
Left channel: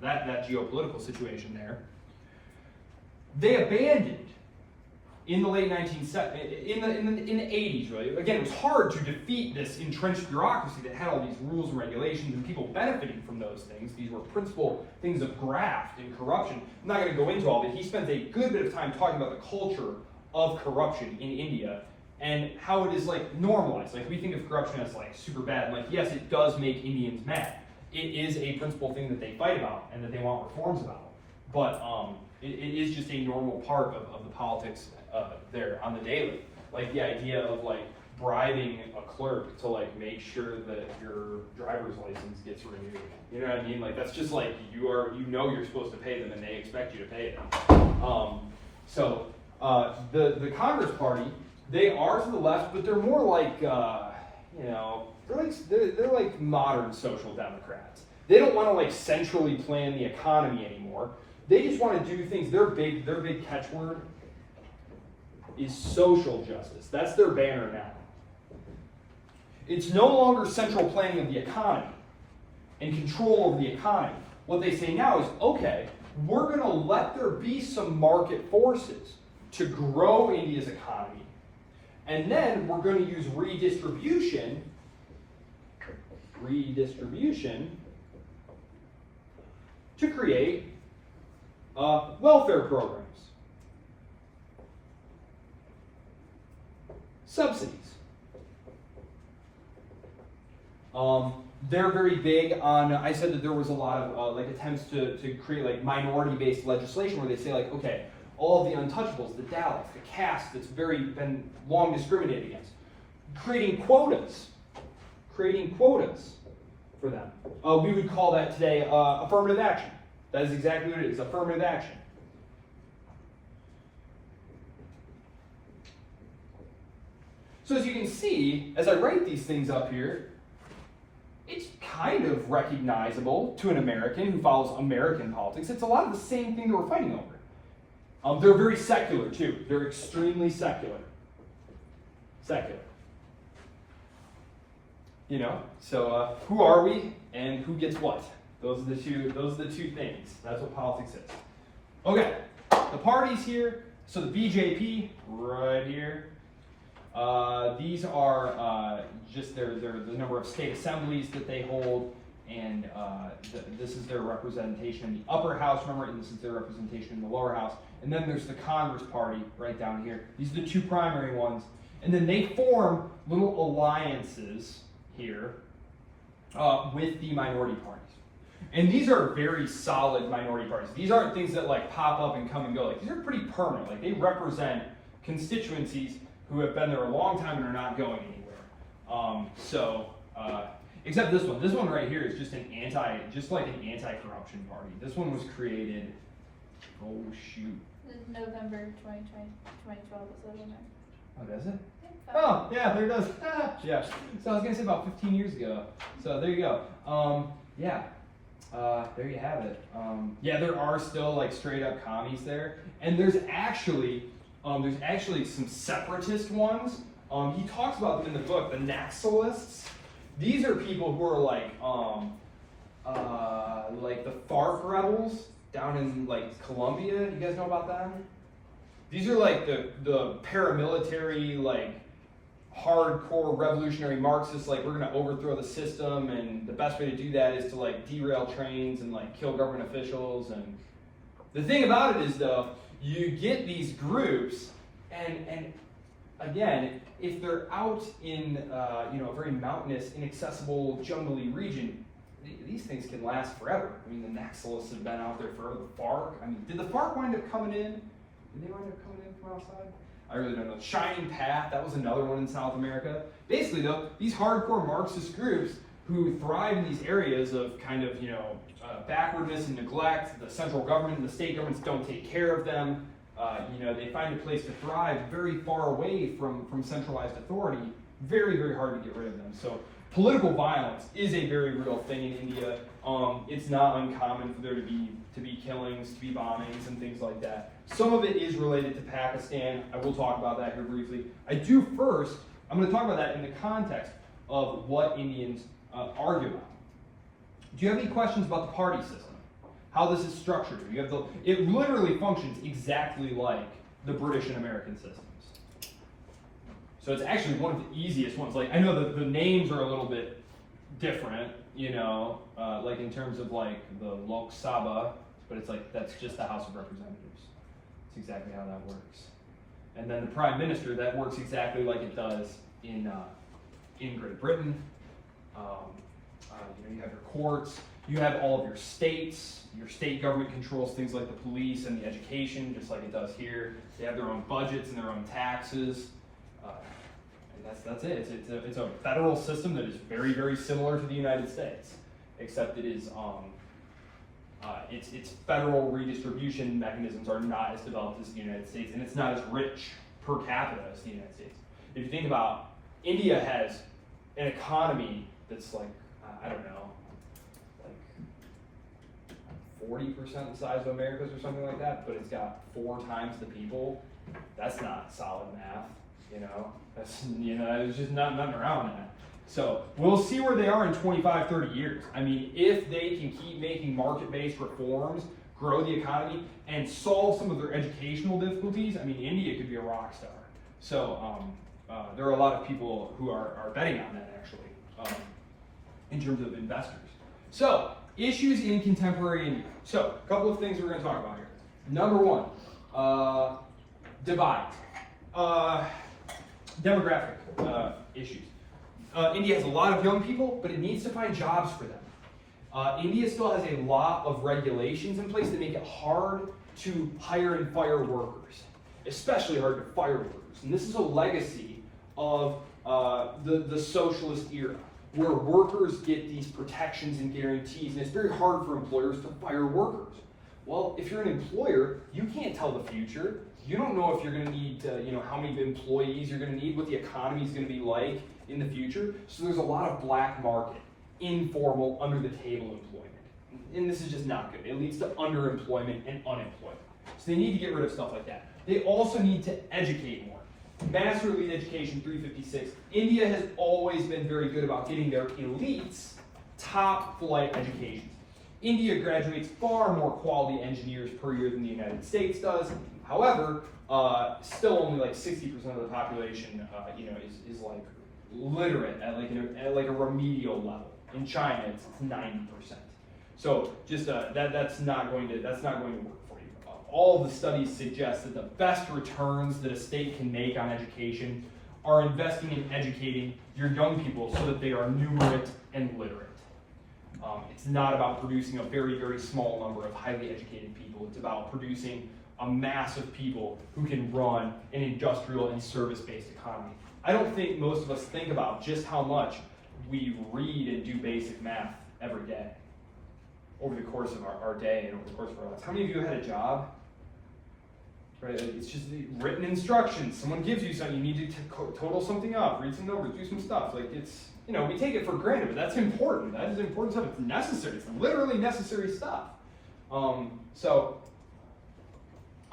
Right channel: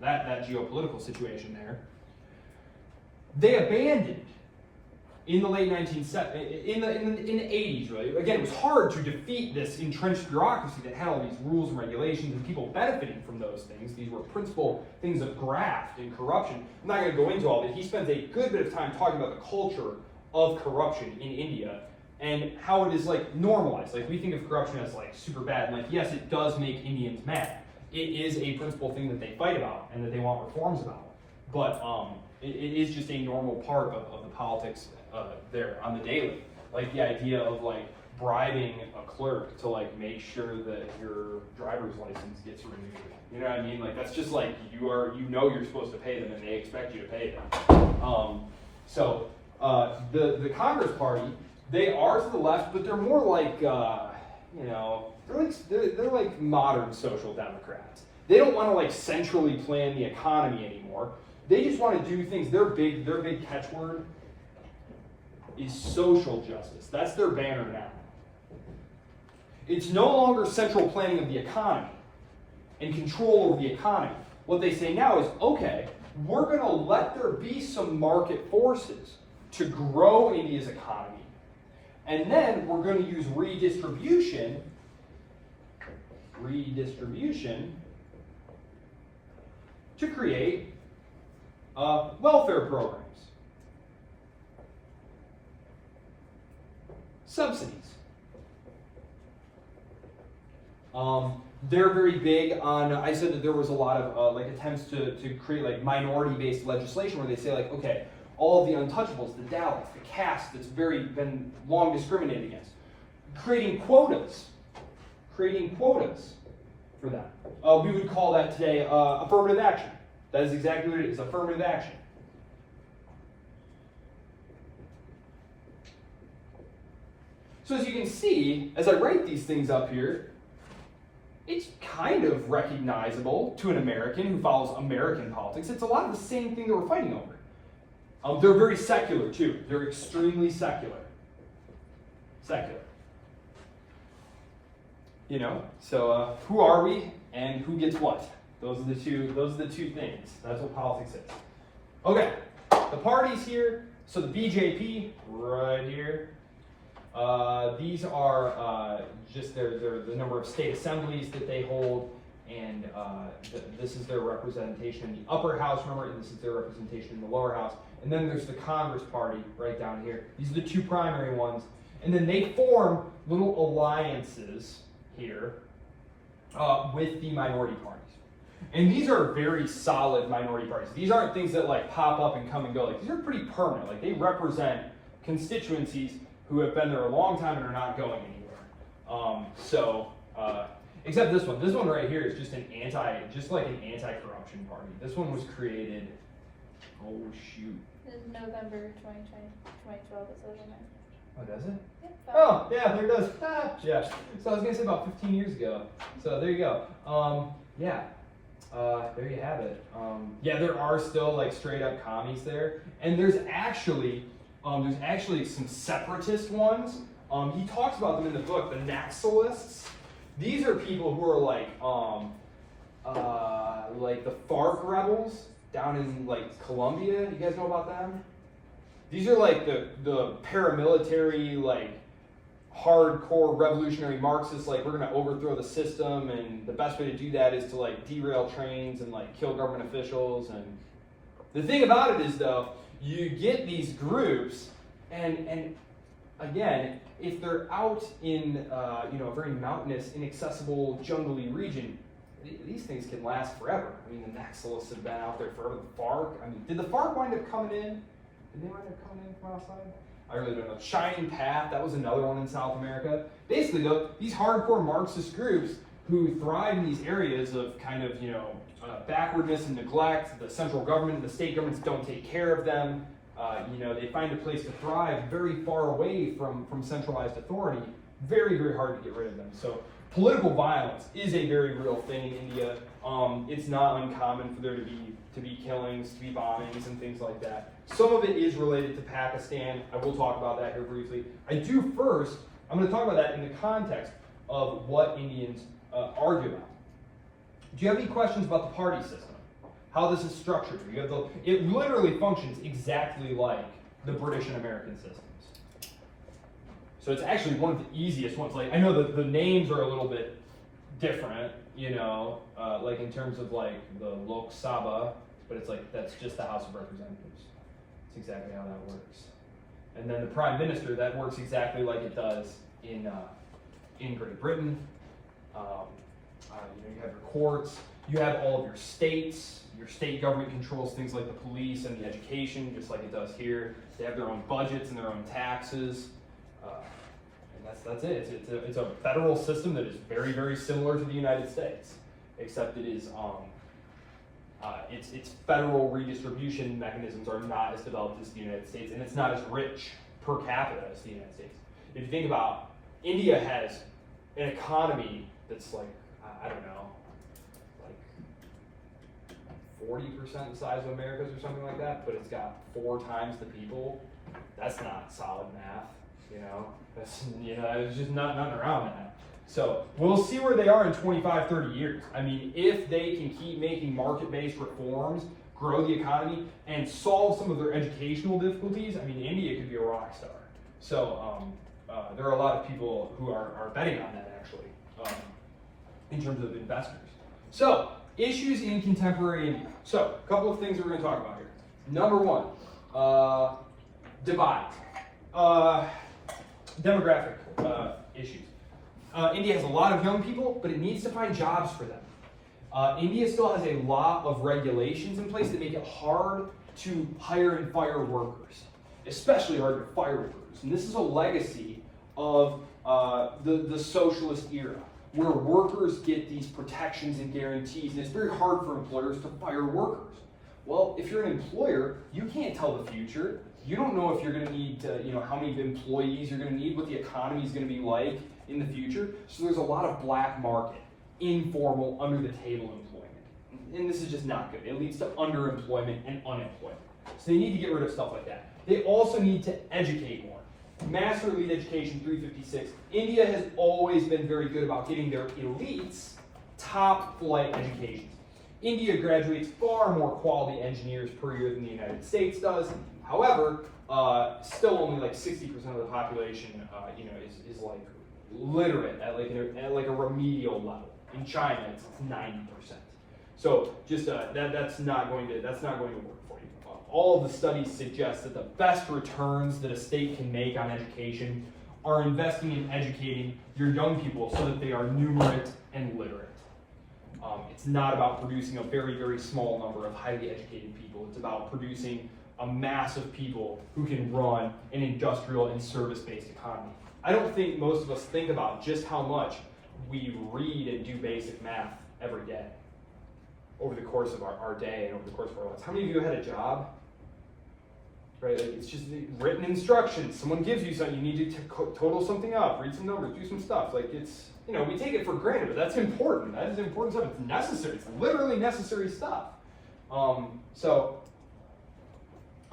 that geopolitical situation there. They abandoned in the late 1970s, in the 80s, really. Again, it was hard to defeat this entrenched bureaucracy that had all these rules and regulations and people benefiting from those things. These were principal things of graft and corruption. I'm not going to go into all of it. He spends a good bit of time talking about the culture of corruption in India and how it is like normalized. Like we think of corruption as like super bad. Like yes, it does make Indians mad. It is a principal thing that they fight about and that they want reforms about. But it is just a normal part of the politics there on the daily. Like the idea of like bribing a clerk to like make sure that your driver's license gets renewed. You know what I mean? Like that's just like you're supposed to pay them and they expect you to pay them. So the Congress Party, they are to the left, but they're more like they're like modern social democrats. They don't want to like centrally plan the economy anymore. They just want to do things. Their big catchword is social justice. That's their banner now. It's no longer central planning of the economy and control over the economy. What they say now is, okay, we're going to let there be some market forces to grow India's economy, and then we're going to use redistribution to create welfare programs, subsidies. They're very big on, I said that there was a lot of like attempts to create like minority-based legislation where they say like, okay, all of the untouchables, the Dalits, the caste that's been long discriminated against, creating quotas for them. We would call that today affirmative action. That is exactly what it is, affirmative action. So as you can see, as I write these things up here, it's kind of recognizable to an American who follows American politics. It's a lot of the same thing that we're fighting over. They're very secular too. They're extremely secular. You know, so who are we and who gets what? Those are the two things. That's what politics is. Okay, the parties here. So the BJP right here. These are just the number of state assemblies that they hold, and this is their representation in the upper house, remember, and this is their representation in the lower house. And then there's the Congress Party right down here. These are the two primary ones. And then they form little alliances here with the minority parties. And these are very solid minority parties. These aren't things that like pop up and come and go. Like these are pretty permanent. Like they represent constituencies who have been there a long time and are not going anywhere. Except this one. This one right here is just like an anti-corruption party. This one was created, oh shoot. November 2012 it says in there. Oh, does it? Oh, yeah, there it does. Yeah. So I was gonna say about 15 years ago. So there you go. There you have it. Yeah, there are still like straight up commies there, and there's actually some separatist ones. He talks about them in the book, the Naxalists. These are people who are like the FARC rebels down in like Colombia. You guys know about them? These are like the paramilitary, like hardcore revolutionary Marxists. Like we're gonna overthrow the system, and the best way to do that is to like derail trains and like kill government officials. And the thing about it is though, you get these groups, and again, if they're out in a very mountainous, inaccessible, jungly region, these things can last forever. I mean, the Naxalists have been out there forever. The FARC. I mean, did the FARC wind up coming in? Did they wind up coming in from outside? I really don't know. Shining Path, that was another one in South America. Basically, though, these hardcore Marxist groups who thrive in these areas of kind of, backwardness and neglect, the central government and the state governments don't take care of them. They find a place to thrive very far away from centralized authority. Very, very hard to get rid of them. So political violence is a very real thing in India. It's not uncommon for there to be killings, to be bombings, and things like that. Some of it is related to Pakistan. I will talk about that here briefly. I'm going to talk about that in the context of what Indians argue about. Do you have any questions about the party system? How this is structured? It literally functions exactly like the British and American systems. So it's actually one of the easiest ones. Like I know that the names are a little bit different, like in terms of like the Lok Sabha, but it's like that's just the House of Representatives. It's exactly how that works. And then the Prime Minister, that works exactly like it does in Great Britain. You have your courts, you have all of your states. Your state government controls things like the police and the education, just like it does here. They have their own budgets and their own taxes. And that's it. It's a federal system that is very, very similar to the United States, except it is its federal redistribution mechanisms are not as developed as the United States, and it's not as rich per capita as the United States. If you think about, India has an economy that's like, I don't know, like 40% the size of America's or something like that, but it's got 4 times the people. That's not solid math, you know? There's just nothing around that. So we'll see where they are in 25, 30 years. I mean, if they can keep making market-based reforms, grow the economy, and solve some of their educational difficulties, I mean, India could be a rock star. So there are a lot of people who are betting on that, actually, in terms of investors. So, issues in contemporary India. So, a couple of things we're going to talk about here. Number 1, divide. Demographic issues. India has a lot of young people, but it needs to find jobs for them. India still has a lot of regulations in place that make it hard to hire and fire workers, especially hard to fire workers. And this is a legacy of the socialist era, where workers get these protections and guarantees, and it's very hard for employers to fire workers. Well, if you're an employer, you can't tell the future. You don't know if you're going to need, how many employees you're going to need, what the economy is going to be like in the future. So there's a lot of black market, informal, under-the-table employment. And this is just not good. It leads to underemployment and unemployment. So they need to get rid of stuff like that. They also need to educate more. Master elite education, 356. India has always been very good about getting their elites top flight educations. India graduates far more quality engineers per year than the United States does. However, still only like 60% of the population, is like literate at like a remedial level. In China, it's 90%. So just that's not going to work for you. All of the studies suggest that the best returns that a state can make on education are investing in educating your young people so that they are numerate and literate. It's not about producing a very, very small number of highly educated people. It's about producing a mass of people who can run an industrial and service-based economy. I don't think most of us think about just how much we read and do basic math every day over the course of our day and over the course of our lives. How many of you had a job? Right? It's just written instructions. Someone gives you something, you need to total something up, read some numbers, do some stuff. Like we take it for granted, but that's important. That is important stuff. It's necessary. It's literally necessary stuff. So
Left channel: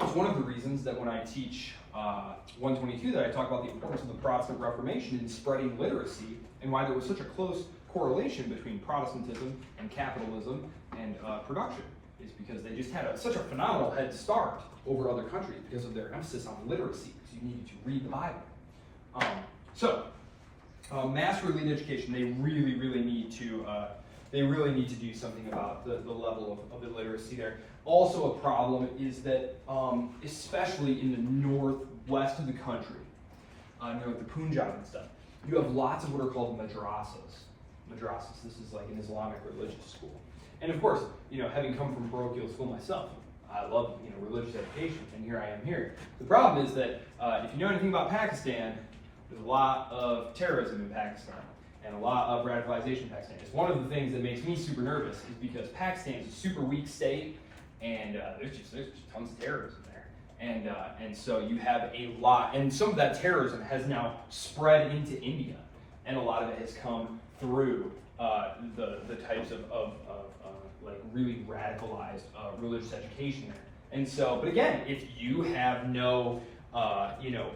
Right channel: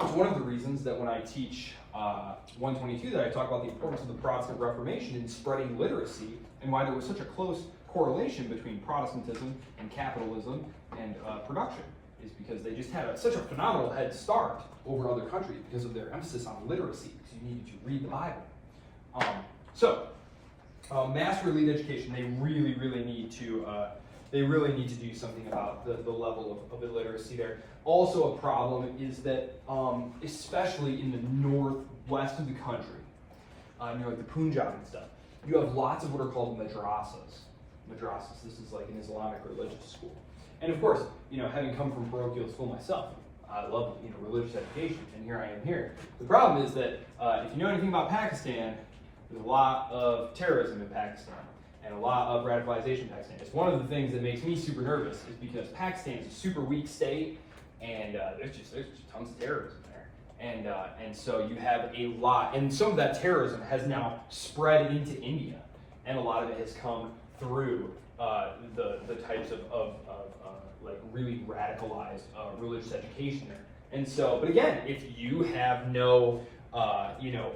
it's one of the reasons that when I teach 122 that I talk about the importance of the Protestant Reformation in spreading literacy and why there was such a close correlation between Protestantism and capitalism and production is because they just had such a phenomenal head start over other countries because of their emphasis on literacy. So you needed to read the Bible. Master elite education, they really need to do something about the level of illiteracy there. Also a problem is that, especially in the northwest of the country, the Punjab and stuff, you have lots of what are called madrasas. Madrasas, this is like an Islamic religious school. And of course, having come from parochial school myself, I love religious education, and here I am here. The problem is that if you know anything about Pakistan, there's a lot of terrorism in Pakistan and a lot of radicalization in Pakistan. It's one of the things that makes me super nervous is because Pakistan is a super weak state, and there's just tons of terrorism there. And so you have a lot, and some of that terrorism has now spread into India, and a lot of it has come through the types of like really radicalized religious education there. And so, but again, if you have no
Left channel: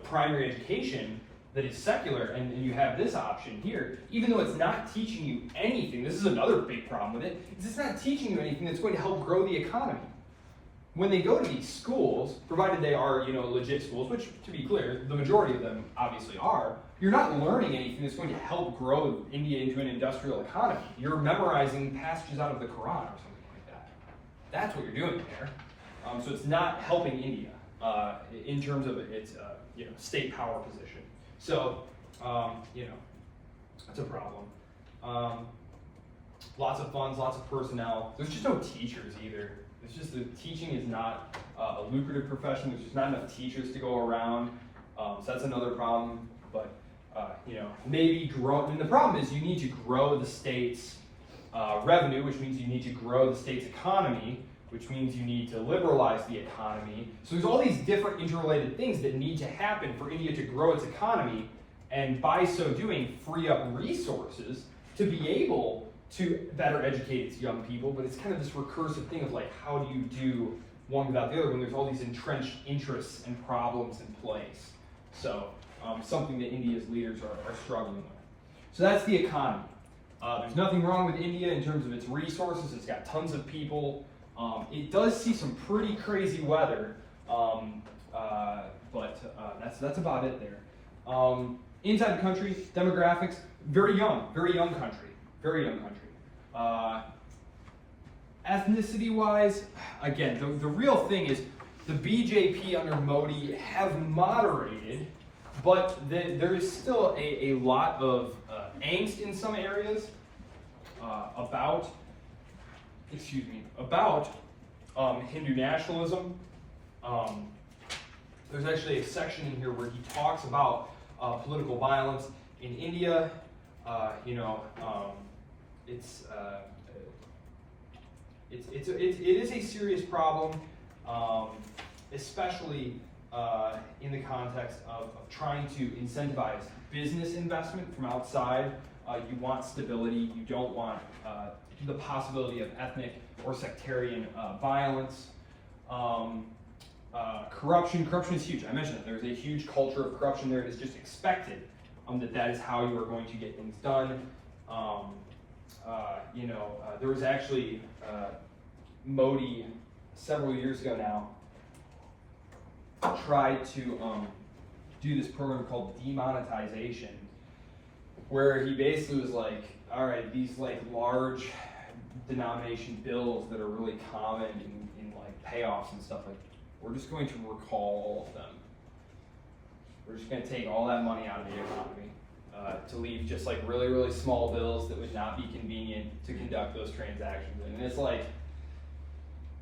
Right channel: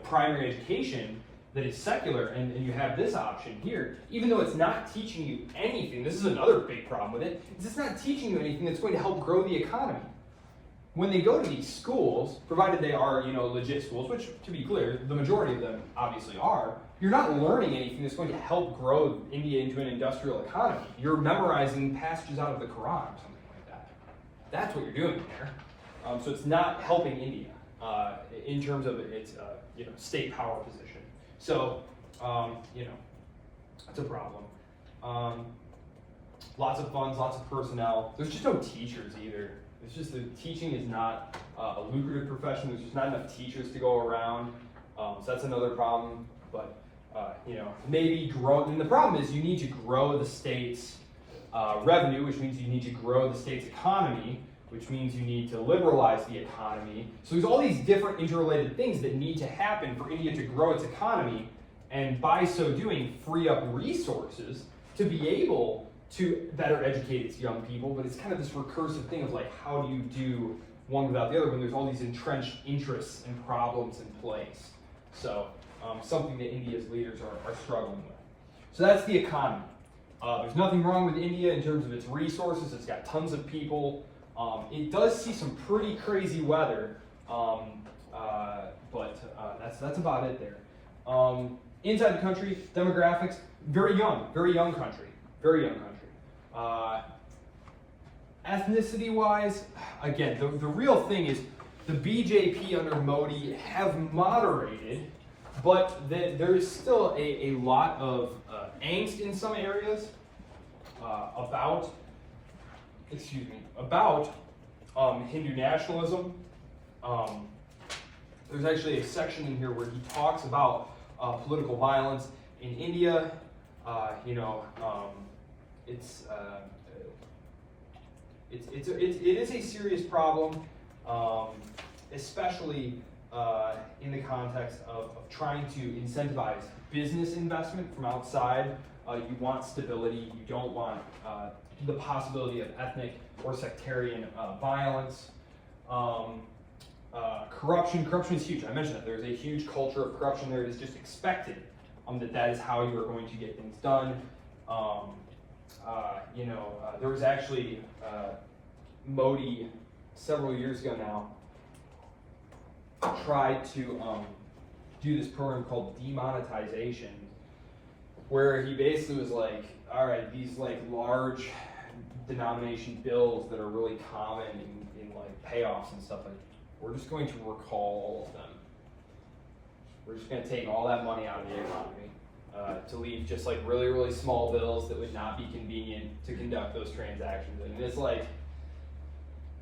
primary education that is secular, and you have this option here, even though it's not teaching you anything, this is another big problem with it, is it's not teaching you anything that's going to help grow the economy. When they go to these schools, provided they are, legit schools, which, to be clear, the majority of them obviously are, you're not learning anything that's going to help grow India into an industrial economy. You're memorizing passages out of the Quran or something like that. That's what you're doing there. So it's not helping India in terms of its, state power position. So, it's a problem. Lots of funds, lots of personnel. There's just no teachers either. It's just that teaching is not a lucrative profession. There's just not enough teachers to go around. So that's another problem. But, maybe grow. And the problem is you need to grow the state's revenue, which means you need to grow the state's economy, which means you need to liberalize the economy. So there's all these different interrelated things that need to happen for India to grow its economy, and by so doing, free up resources to be able to better educate its young people, but it's kind of this recursive thing of like, how do you do one without the other when there's all these entrenched interests and problems in place? So something that India's leaders are struggling with. So that's the economy. There's nothing wrong with India in terms of its resources. It's got tons of people. It does see some pretty crazy weather, but that's about it there. Inside the country, demographics, very young country, very young country. Ethnicity-wise, again, the real thing is the BJP under Modi have moderated, but there is still a lot of angst in some areas about Hindu nationalism. There's actually a section in here where he talks about political violence in India. It is a serious problem, especially in the context of trying to incentivize business investment from outside. You want stability. You don't want the possibility of ethnic or sectarian violence. Corruption is huge. I mentioned that there's a huge culture of corruption there. It is just expected that is how you are going to get things done. There was actually Modi several years ago now tried to do this program called demonetization, where he basically was like, all right, these like large denomination bills that are really common in like payoffs and stuff, like, we're just going to recall all of them. We're just going to take all that money out of the economy to leave just like really, really small bills that would not be convenient to conduct those transactions. And it's like,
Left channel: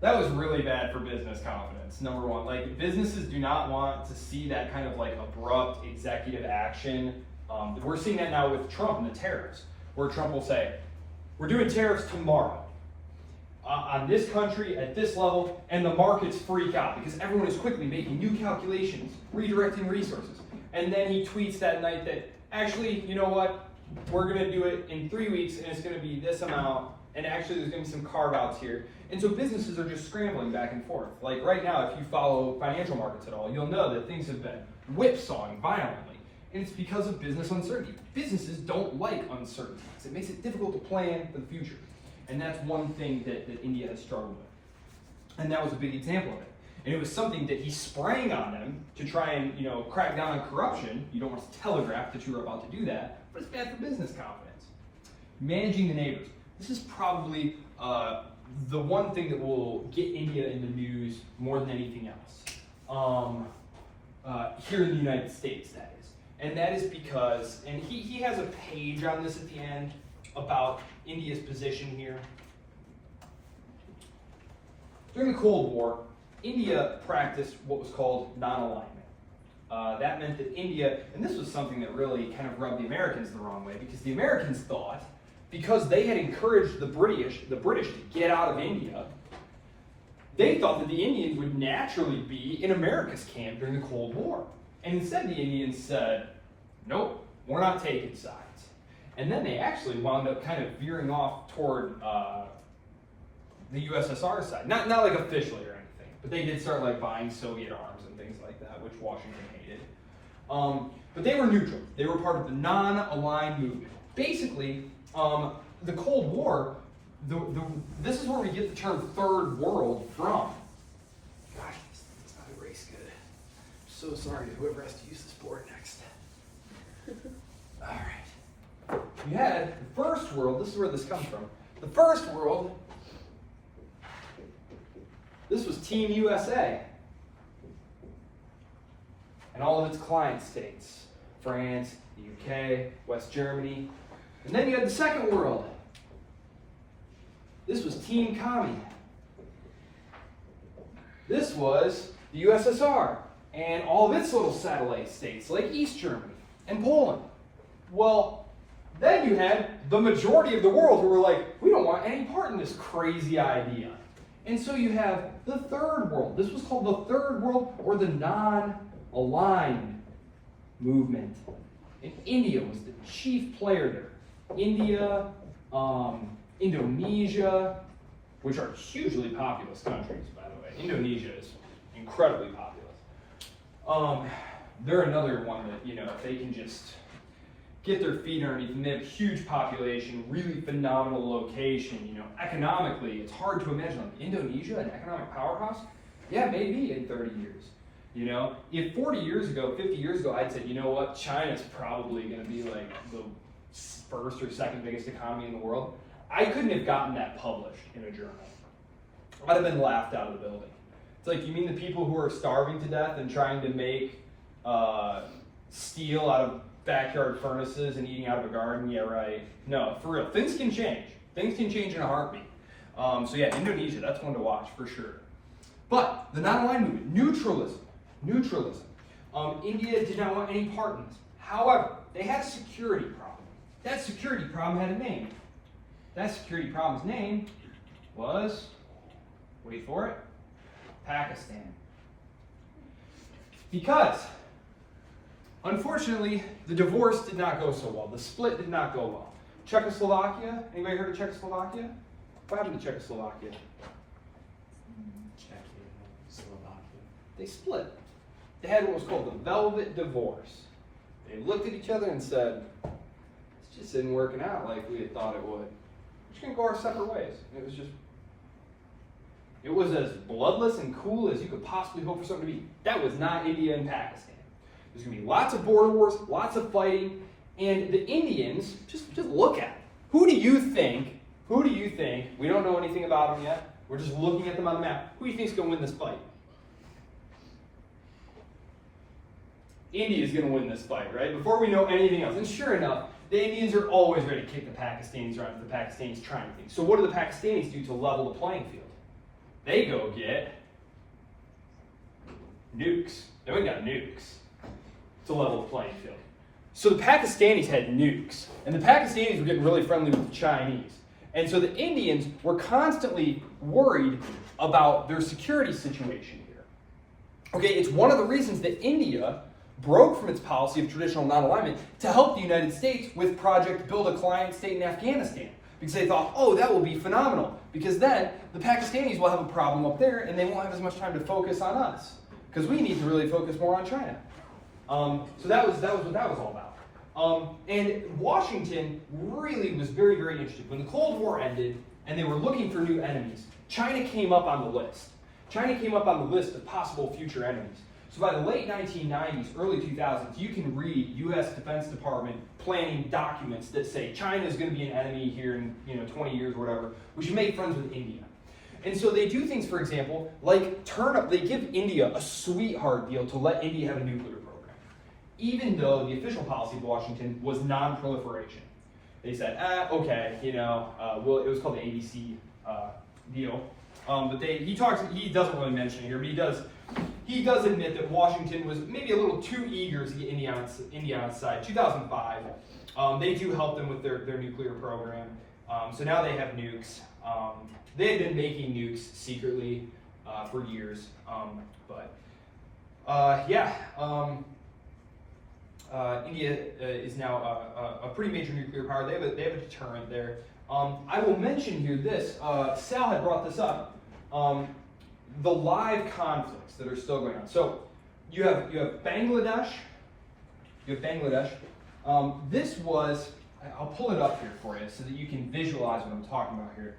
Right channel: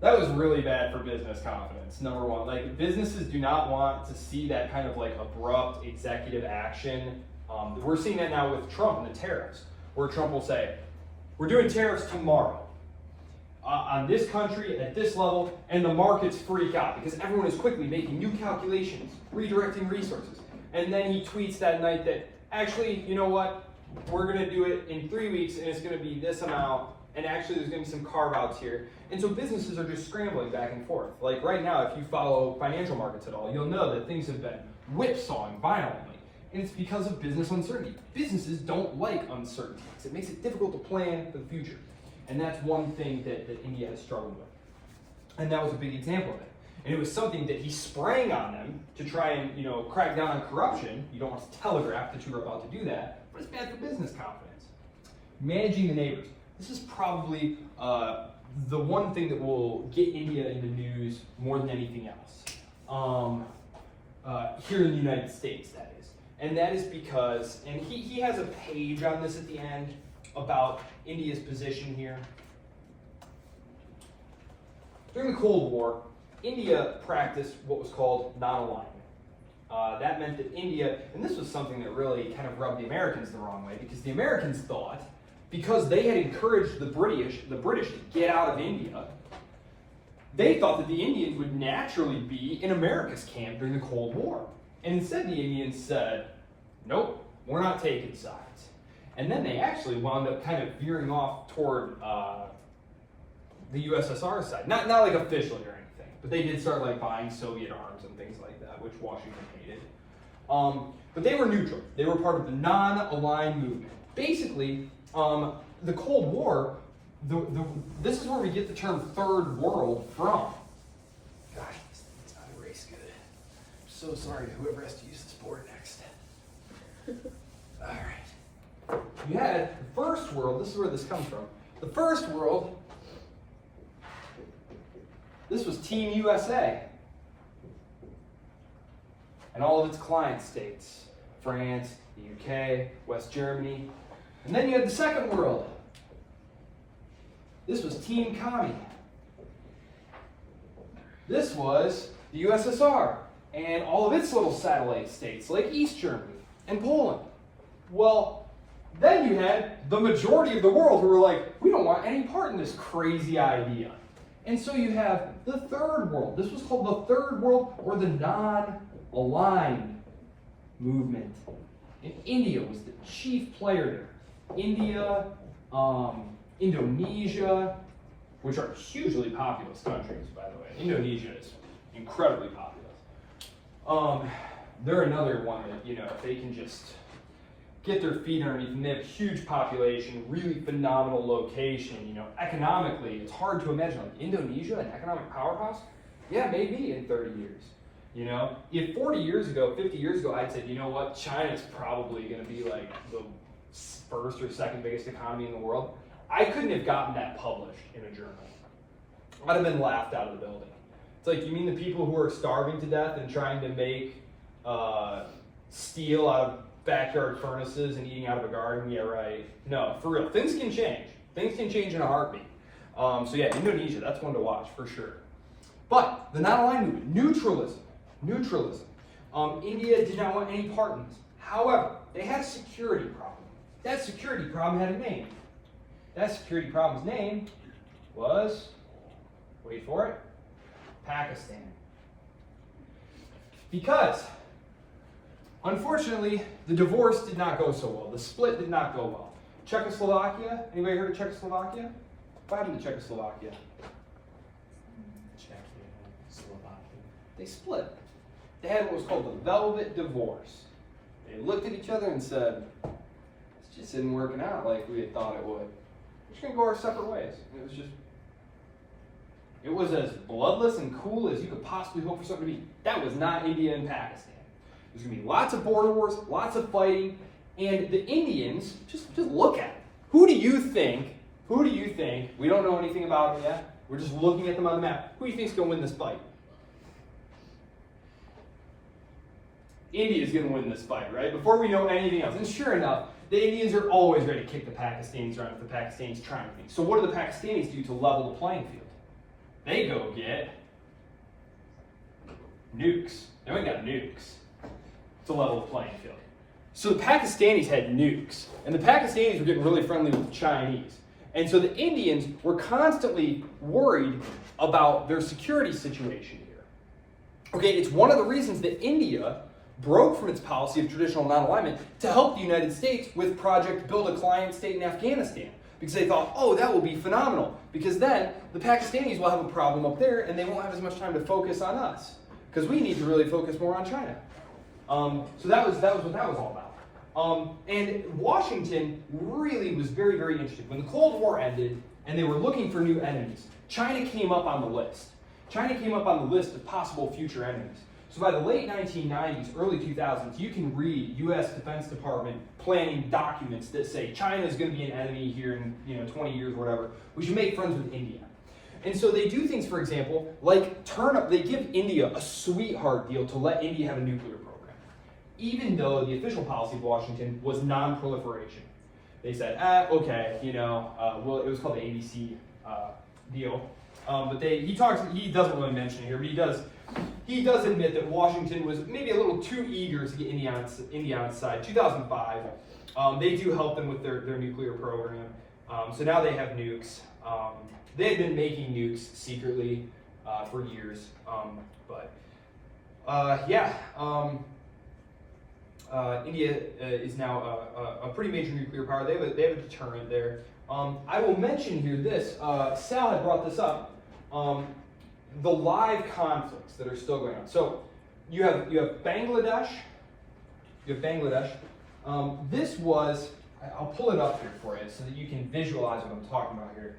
that was really bad for business confidence, number one. Like, businesses do not want to see that kind of like abrupt executive action. We're seeing that now with Trump and the tariffs, where Trump will say, we're doing tariffs tomorrow on this country at this level, and the markets freak out because everyone is quickly making new calculations, redirecting resources. And then he tweets that night that, actually, you know what, we're going to do it in 3 weeks, and it's going to be this amount, and actually there's going to be some carve-outs here. And so businesses are just scrambling back and forth. Like right now, if you follow financial markets at all, you'll know that things have been whipsawing violently. And it's because of business uncertainty. Businesses don't like uncertainty. It makes it difficult to plan for the future. And that's one thing that India has struggled with. And that was a big example of it. And it was something that he sprang on them to try and, crack down on corruption. You don't want to telegraph that you were about to do that, but it's bad for business confidence. Managing the neighbors. This is probably the one thing that will get India in the news more than anything else. Here in the United States, that is. And that is because, and he has a page on this at the end about India's position here. During the Cold War, India practiced what was called non-alignment. That meant that India, and this was something that really kind of rubbed the Americans the wrong way, because the Americans thought, because they had encouraged the British to get out of India, they thought that the Indians would naturally be in America's camp during the Cold War. And instead the Indians said, nope, we're not taking sides. And then they actually wound up kind of veering off toward the USSR side. Not like officially or anything, but they did start like buying Soviet arms and things like that, which Washington hated. But they were neutral. They were part of the non-aligned movement. Basically, the Cold War, this is where we get the term third world from. Gosh, it's not a race good. I'm so sorry to whoever has to use this board next. All right. You had the first world, this is where this comes from. The first world, this was Team USA. And all of its client states, France, the UK, West Germany. And then you had the second world. This was Team Commie. This was the USSR and all of its little satellite states like East Germany and Poland. Well, then you had the majority of the world who were like, we don't want any part in this crazy idea. And so you have the third world. This was called the third world, or the non-aligned movement. And India was the chief player there. India, Indonesia, which are hugely populous countries, by the way. Indonesia is incredibly populous. They're another one that, you know, if they can just get their feet underneath them, they have a huge population, really phenomenal location, you know, economically, it's hard to imagine. Like Indonesia, an economic powerhouse? Yeah, maybe in 30 years. You know, if 40 years ago, 50 years ago, I'd said, you know what, China's probably going to be like the first or second biggest economy in the world, I couldn't have gotten that published in a journal. I'd have been laughed out of the building. It's like, you mean the people who are starving to death and trying to make steel out of backyard furnaces and eating out of a garden? Yeah, right. No, for real. Things can change. Things can change in a heartbeat. So yeah, Indonesia, that's one to watch for sure. But the non-aligned movement, neutralism. India did not want any part in this. However, they had a security problem. That security problem had a name. That security problem's name was, wait for it, Pakistan. Because, unfortunately, the divorce did not go so well. The split did not go well. Czechoslovakia, anybody heard of Czechoslovakia? What happened to Czechoslovakia? Slovakia. They split. They had what was called the Velvet Divorce. They looked at each other and said, this just isn't working out like we had thought it would. We're just going to go our separate ways. It was as bloodless and cool as you could possibly hope for something to be. That was not India and Pakistan. There's going to be lots of border wars, lots of fighting, and the Indians, just look at it. Who do you think, we don't know anything about them yet, we're just looking at them on the map, who do you think is going to win this fight? India is going to win this fight, right? Before we know anything else. And sure enough, the Indians are always ready to kick the Pakistanis around if the Pakistanis try anything. So what do the Pakistanis do to level the playing field? They go get nukes. They went and got nukes to level the playing field. So the Pakistanis had nukes, and the Pakistanis were getting really friendly with the Chinese. And so the Indians were constantly worried about their security situation here. Okay, it's one of the reasons that India broke from its policy of traditional non-alignment to help the United States with Project Build a Client State in Afghanistan. Because they thought, oh, that will be phenomenal. Because then the Pakistanis will have a problem up there and they won't have as much time to focus on us. Because we need to really focus more on China. So that was what that was all about. And Washington really was very, very interested. When the Cold War ended and they were looking for new enemies, China came up on the list. China came up on the list of possible future enemies. So by the late 1990s, early 2000s, you can read U.S. Defense Department planning documents that say China is going to be an enemy here in 20 years, whatever. We should make friends with India. And so they do things, for example, like they give India a sweetheart deal to let India have a nuclear program, even though the official policy of Washington was non-proliferation. They said, okay, it was called the ABC deal. But he doesn't really mention it here, but he does admit that Washington was maybe a little too eager to get India on its side. 2005, they do help them with their nuclear program. So now they have nukes. They had been making nukes secretly for years. India is now a pretty major nuclear power. They have a deterrent there. I will mention here this. Sal had brought this up. The live conflicts that are still going on. So you have Bangladesh. This was, I'll pull it up here for you so that you can visualize what I'm talking about here.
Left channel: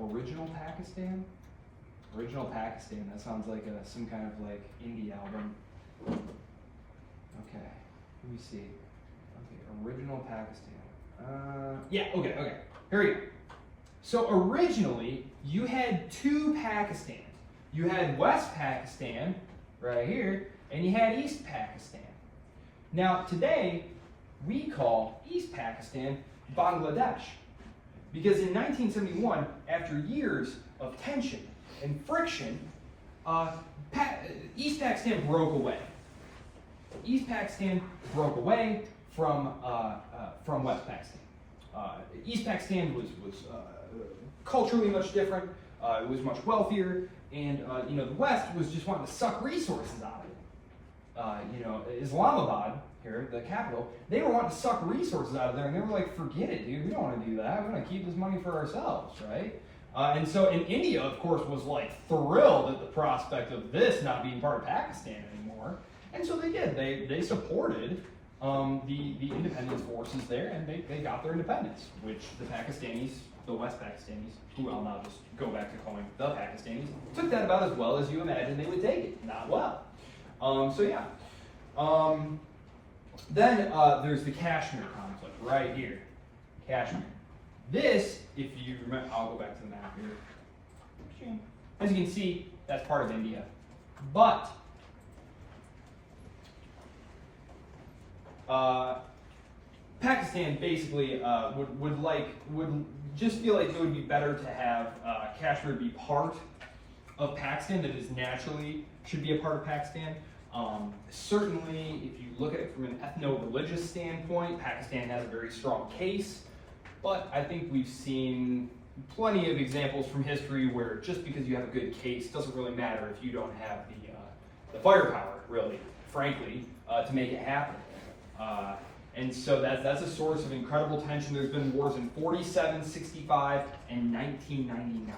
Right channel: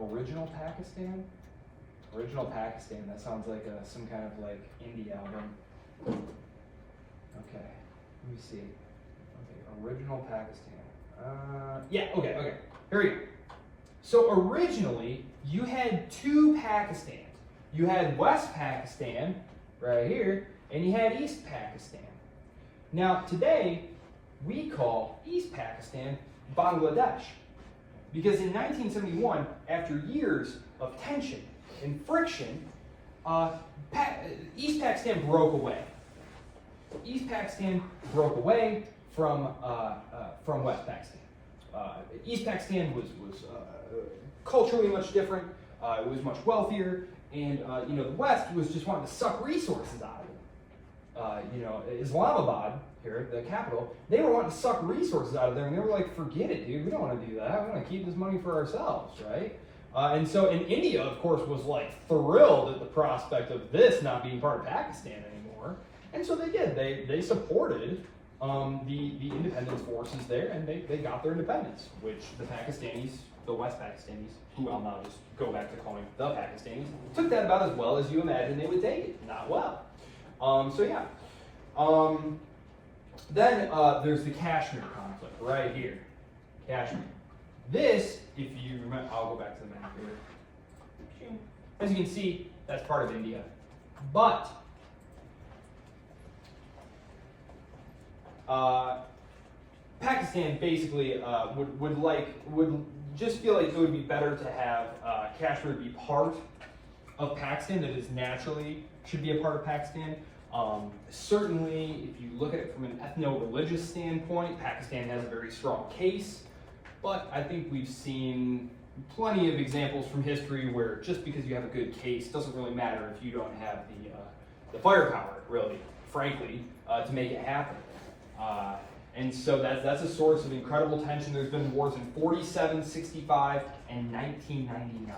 Original Pakistan. That sounds like some kind of like indie album. Okay, let me see. Okay, original Pakistan. Okay. Here we go. So originally, you had two Pakistans. You had West Pakistan, right here, and you had East Pakistan. Now, today, we call East Pakistan Bangladesh. Because in 1971, after years of tension and friction, East Pakistan broke away. East Pakistan broke away from West Pakistan. East Pakistan was culturally much different. It was much wealthier, and the West was just wanting to suck resources out of it. Islamabad here, the capital, they were wanting to suck resources out of there, and they were like, forget it, dude, we don't want to do that. We want to keep this money for ourselves, right? And so, in India, of course, was like thrilled at the prospect of this not being part of Pakistan anymore. And so they did. They supported the independence forces there, and they got their independence, which the Pakistanis, the West Pakistanis, who I'll now just go back to calling the Pakistanis, took that about as well as you imagine they would take it. Not well. So yeah. Then there's the Kashmir conflict right here. Kashmir. This, if you remember, I'll go back to the map here. As you can see, that's part of India. But Pakistan basically would just feel like it would be better to have Kashmir be part of Pakistan, that is naturally should be a part of Pakistan. Certainly, if you look at it from an ethno-religious standpoint, Pakistan has a very strong case, but I think we've seen plenty of examples from history where just because you have a good case doesn't really matter if you don't have the firepower, really, frankly, to make it happen. And so that's a source of incredible tension. There's been wars in 47, 65, and 1999.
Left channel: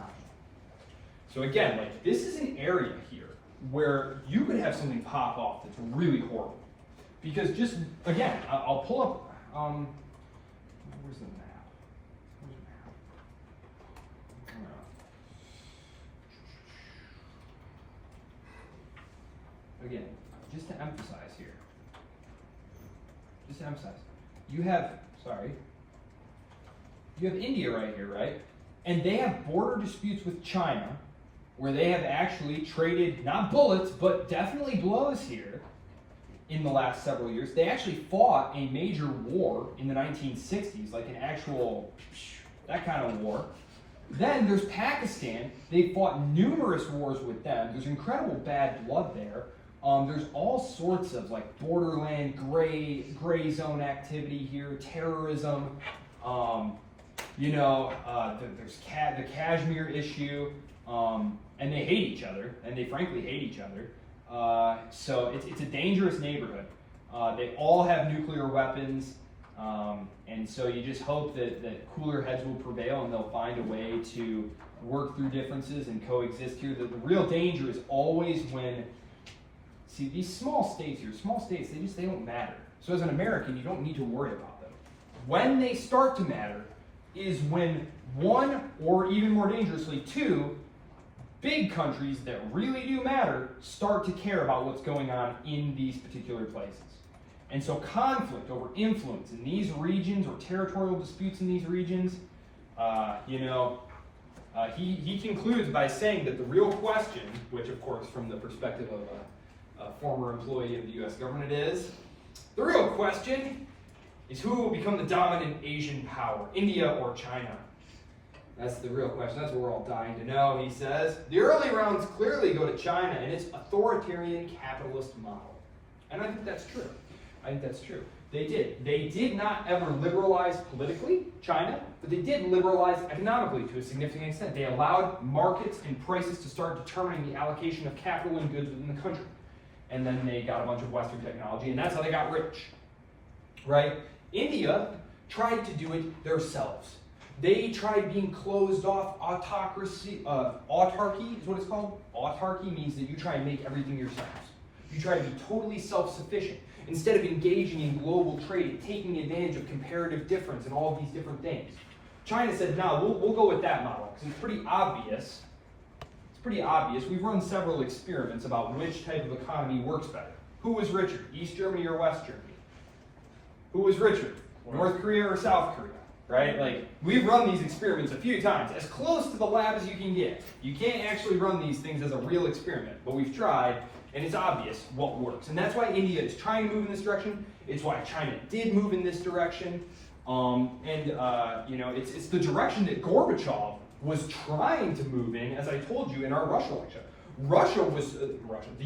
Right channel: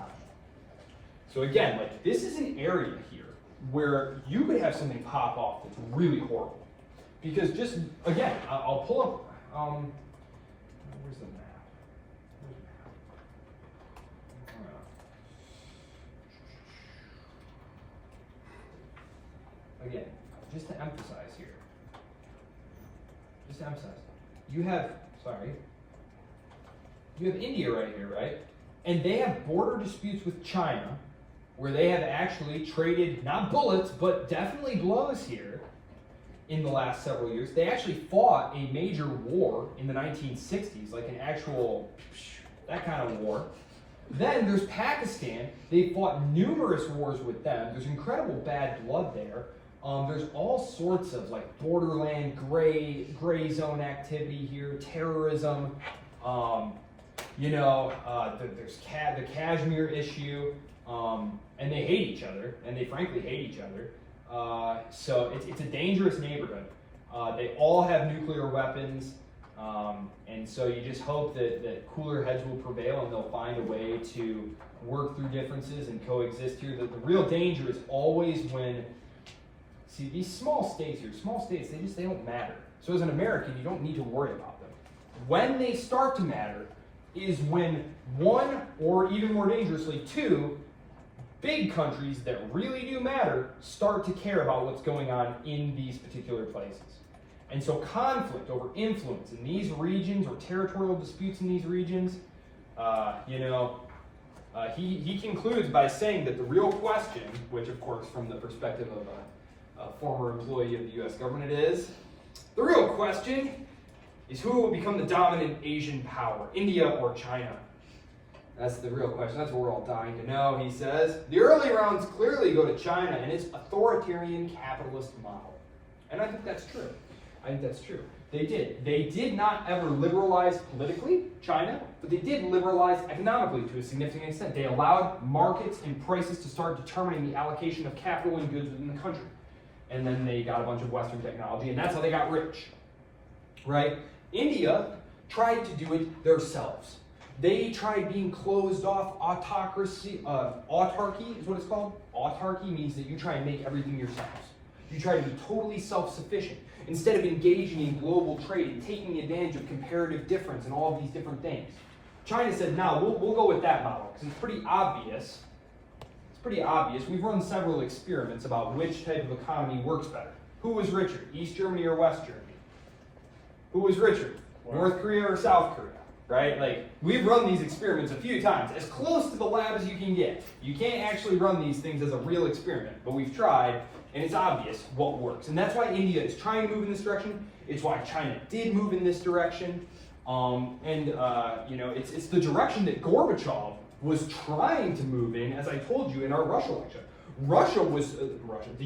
So again, like, this is an area here where you could have something pop off that's really horrible. Because just, again, I'll pull up, where's the map? Again, just to emphasize here, you have India right here, right? And they have border disputes with China, where they have actually traded, not bullets, but definitely blows here in the last several years. They actually fought a major war in the 1960s, like an actual, that kind of war. Then there's Pakistan. They fought numerous wars with them. There's incredible bad blood there. There's all sorts of like borderland gray zone activity here, terrorism. There's the Kashmir issue. And they hate each other, and they frankly hate each other. So it's a dangerous neighborhood. They all have nuclear weapons, and so you just hope that cooler heads will prevail and they'll find a way to work through differences and coexist here. The real danger is always when, see, these small states here, they don't matter. So as an American, you don't need to worry about them. When they start to matter is when one, or even more dangerously, two, big countries that really do matter start to care about what's going on in these particular places. And so conflict over influence in these regions, or territorial disputes in these regions, he concludes by saying that the real question, which of course from the perspective of a former employee of the US government is, the real question is who will become the dominant Asian power, India or China? That's the real question. That's what we're all dying to know, he says. The early rounds clearly go to China and its authoritarian capitalist model. And I think that's true. They did. They did not ever liberalize politically, China, but they did liberalize economically to a significant extent. They allowed markets and prices to start determining the allocation of capital and goods within the country. And then they got a bunch of Western technology, and that's how they got rich. Right? India tried to do it themselves. They tried being closed off. Autarky is what it's called. Autarky means that you try and make everything yourselves. You try to be totally self-sufficient instead of engaging in global trade and taking advantage of comparative difference and all of these different things. China said, no, we'll go with that model because it's pretty obvious. We've run several experiments about which type of economy works better. Who was richer, East Germany or West Germany? Who was richer, North Korea or South Korea? Right? Like, we've run these experiments a few times, as close to the lab as you can get. You can't actually run these things as a real experiment, but we've tried, and it's obvious what works. And that's why India is trying to move in this direction. It's why China did move in this direction. It's the direction that Gorbachev was trying to move in, as I told you in our Russia lecture. The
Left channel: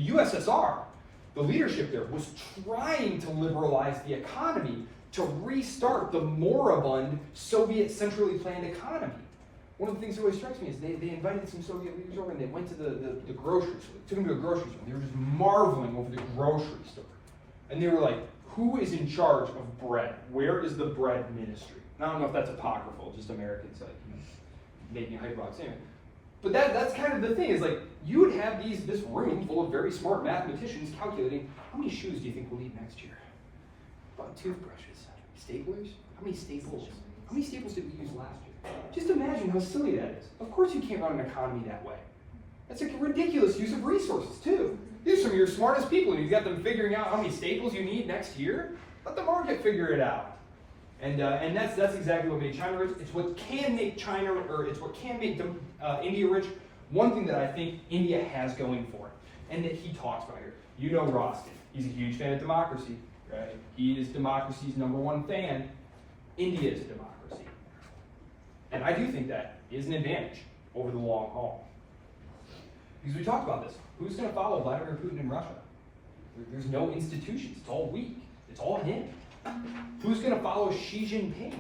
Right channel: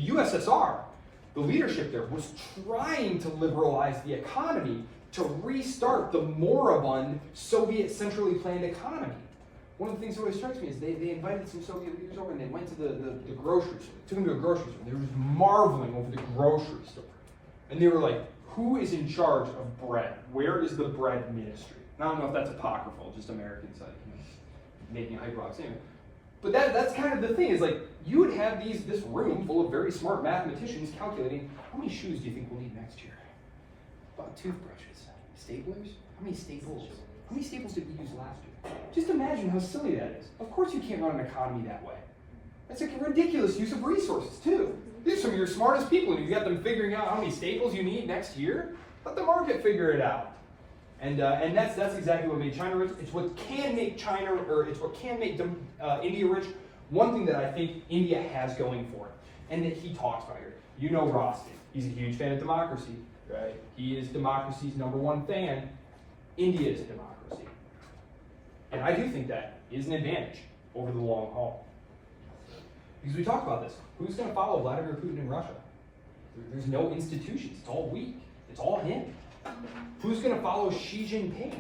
USSR, the leadership there, was trying to liberalize the economy to restart the moribund Soviet centrally planned economy. One of the things that always strikes me is they invited some Soviet leaders over and they went to the grocery store. They took them to a grocery store and they were just marveling over the grocery store. And they were like, who is in charge of bread? Where is the bread ministry? And I don't know if that's apocryphal, just Americans making hyperbox anyway. But that's kind of the thing, is like, you would have this room full of very smart mathematicians calculating, how many shoes do you think we'll need next year? About toothbrushes, staplers, how many staples? How many staples did we use last year? Just imagine how silly that is. Of course you can't run an economy that way. That's a ridiculous use of resources too. These are some of your smartest people, and you got them figuring out how many staples you need next year. Let the market figure it out. And that's exactly what made China rich. It's what can make China, or it's what can make India rich. One thing that I think India has going for it, and that he talks about here. You know Rostin. He's a huge fan of democracy, right? He is democracy's #1 fan. India is a democracy. And I do think that is an advantage over the long haul. Because we talked about this. Who's going to follow Vladimir Putin in Russia? There's no institutions. It's all weak. It's all him. Who's going to follow Xi Jinping?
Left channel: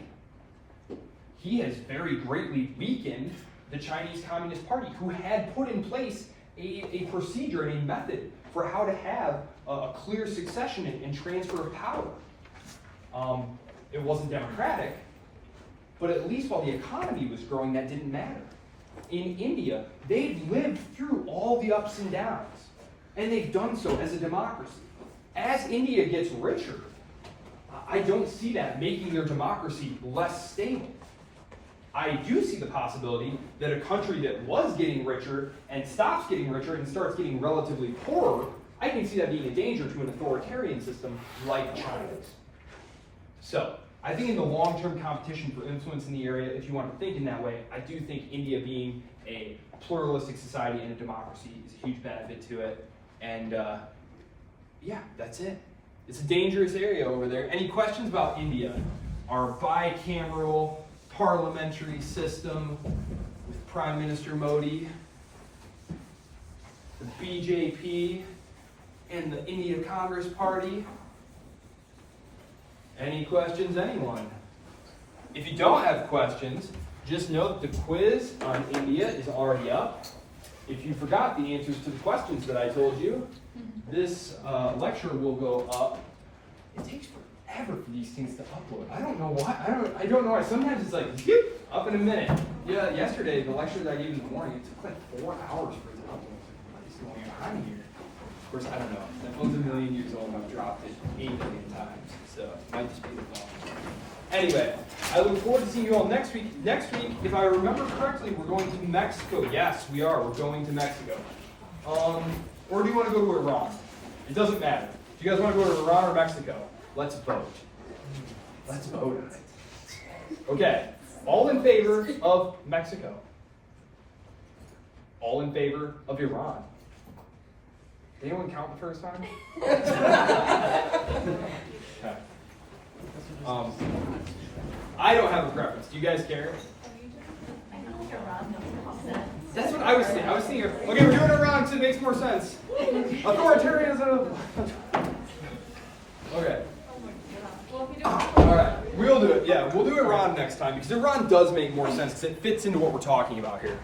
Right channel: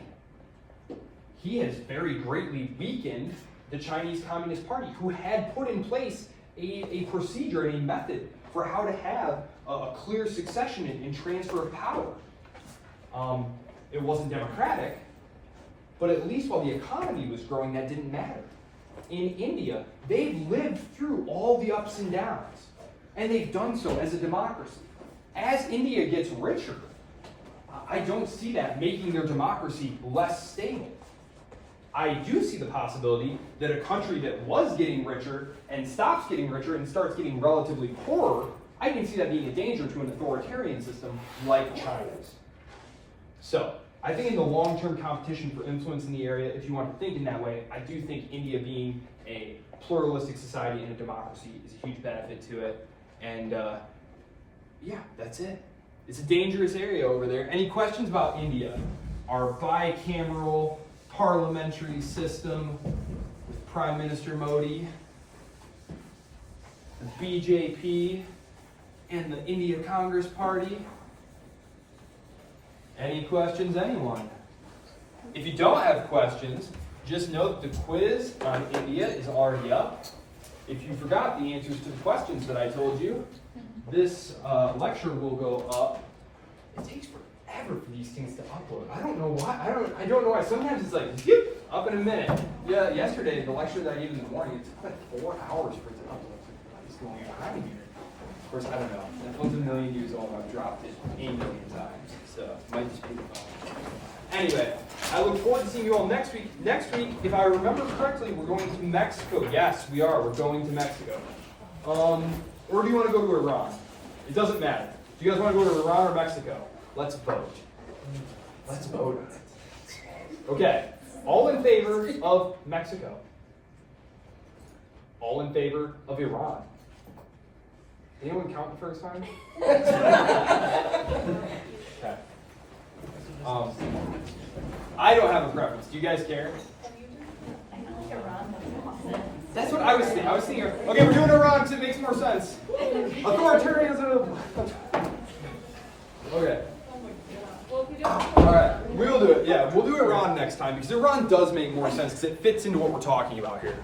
He has very greatly weakened the Chinese Communist Party, who had put in place a procedure and a method for how to have a clear succession and transfer of power. It wasn't democratic, but at least while the economy was growing, that didn't matter. In India, they've lived through all the ups and downs, and they've done so as a democracy. As India gets richer, I don't see that making their democracy less stable. I do see the possibility that a country that was getting richer and stops getting richer and starts getting relatively poorer, I can see that being a danger to an authoritarian system like China's. So, I think in the long-term competition for influence in the area, if you want to think in that way, I do think India being a pluralistic society and a democracy is a huge benefit to it. And yeah, that's it. It's a dangerous area over there. Any questions about India? Our bicameral parliamentary system with Prime Minister Modi, the BJP, and the India Congress Party? Any questions, anyone? If you don't have questions, just note the quiz on India is already up. If you forgot the answers to the questions that I told you, this lecture will go up. It takes forever for these things to upload. I don't know why. I don't know why. Sometimes it's like, yep, up in a minute. Yeah, yesterday, the lecture that I gave in the morning, it took like 4 hours for it to upload. What is going on here? Of course, I don't know. That phone's a million years old. I've dropped it 8 million times. So, might just be the phone. Anyway, I look forward to seeing you all next week. Next week, if I remember correctly, we're going to Mexico. Yes, we are. We're going to Mexico. Or do you want to go to Iran? It doesn't matter. Do you guys want to go to Iran or Mexico? Let's vote. Let's vote. Okay. All in favor of Mexico? All in favor of Iran? Anyone count the first time? Okay. I don't have a preference. Do you guys care? That's what I was thinking. Okay, we're doing Iran because it makes more sense. Authoritarianism. Okay. Alright, we'll do it. Yeah, we'll do Iran next time because Iran does make more sense because it fits into what we're talking about here.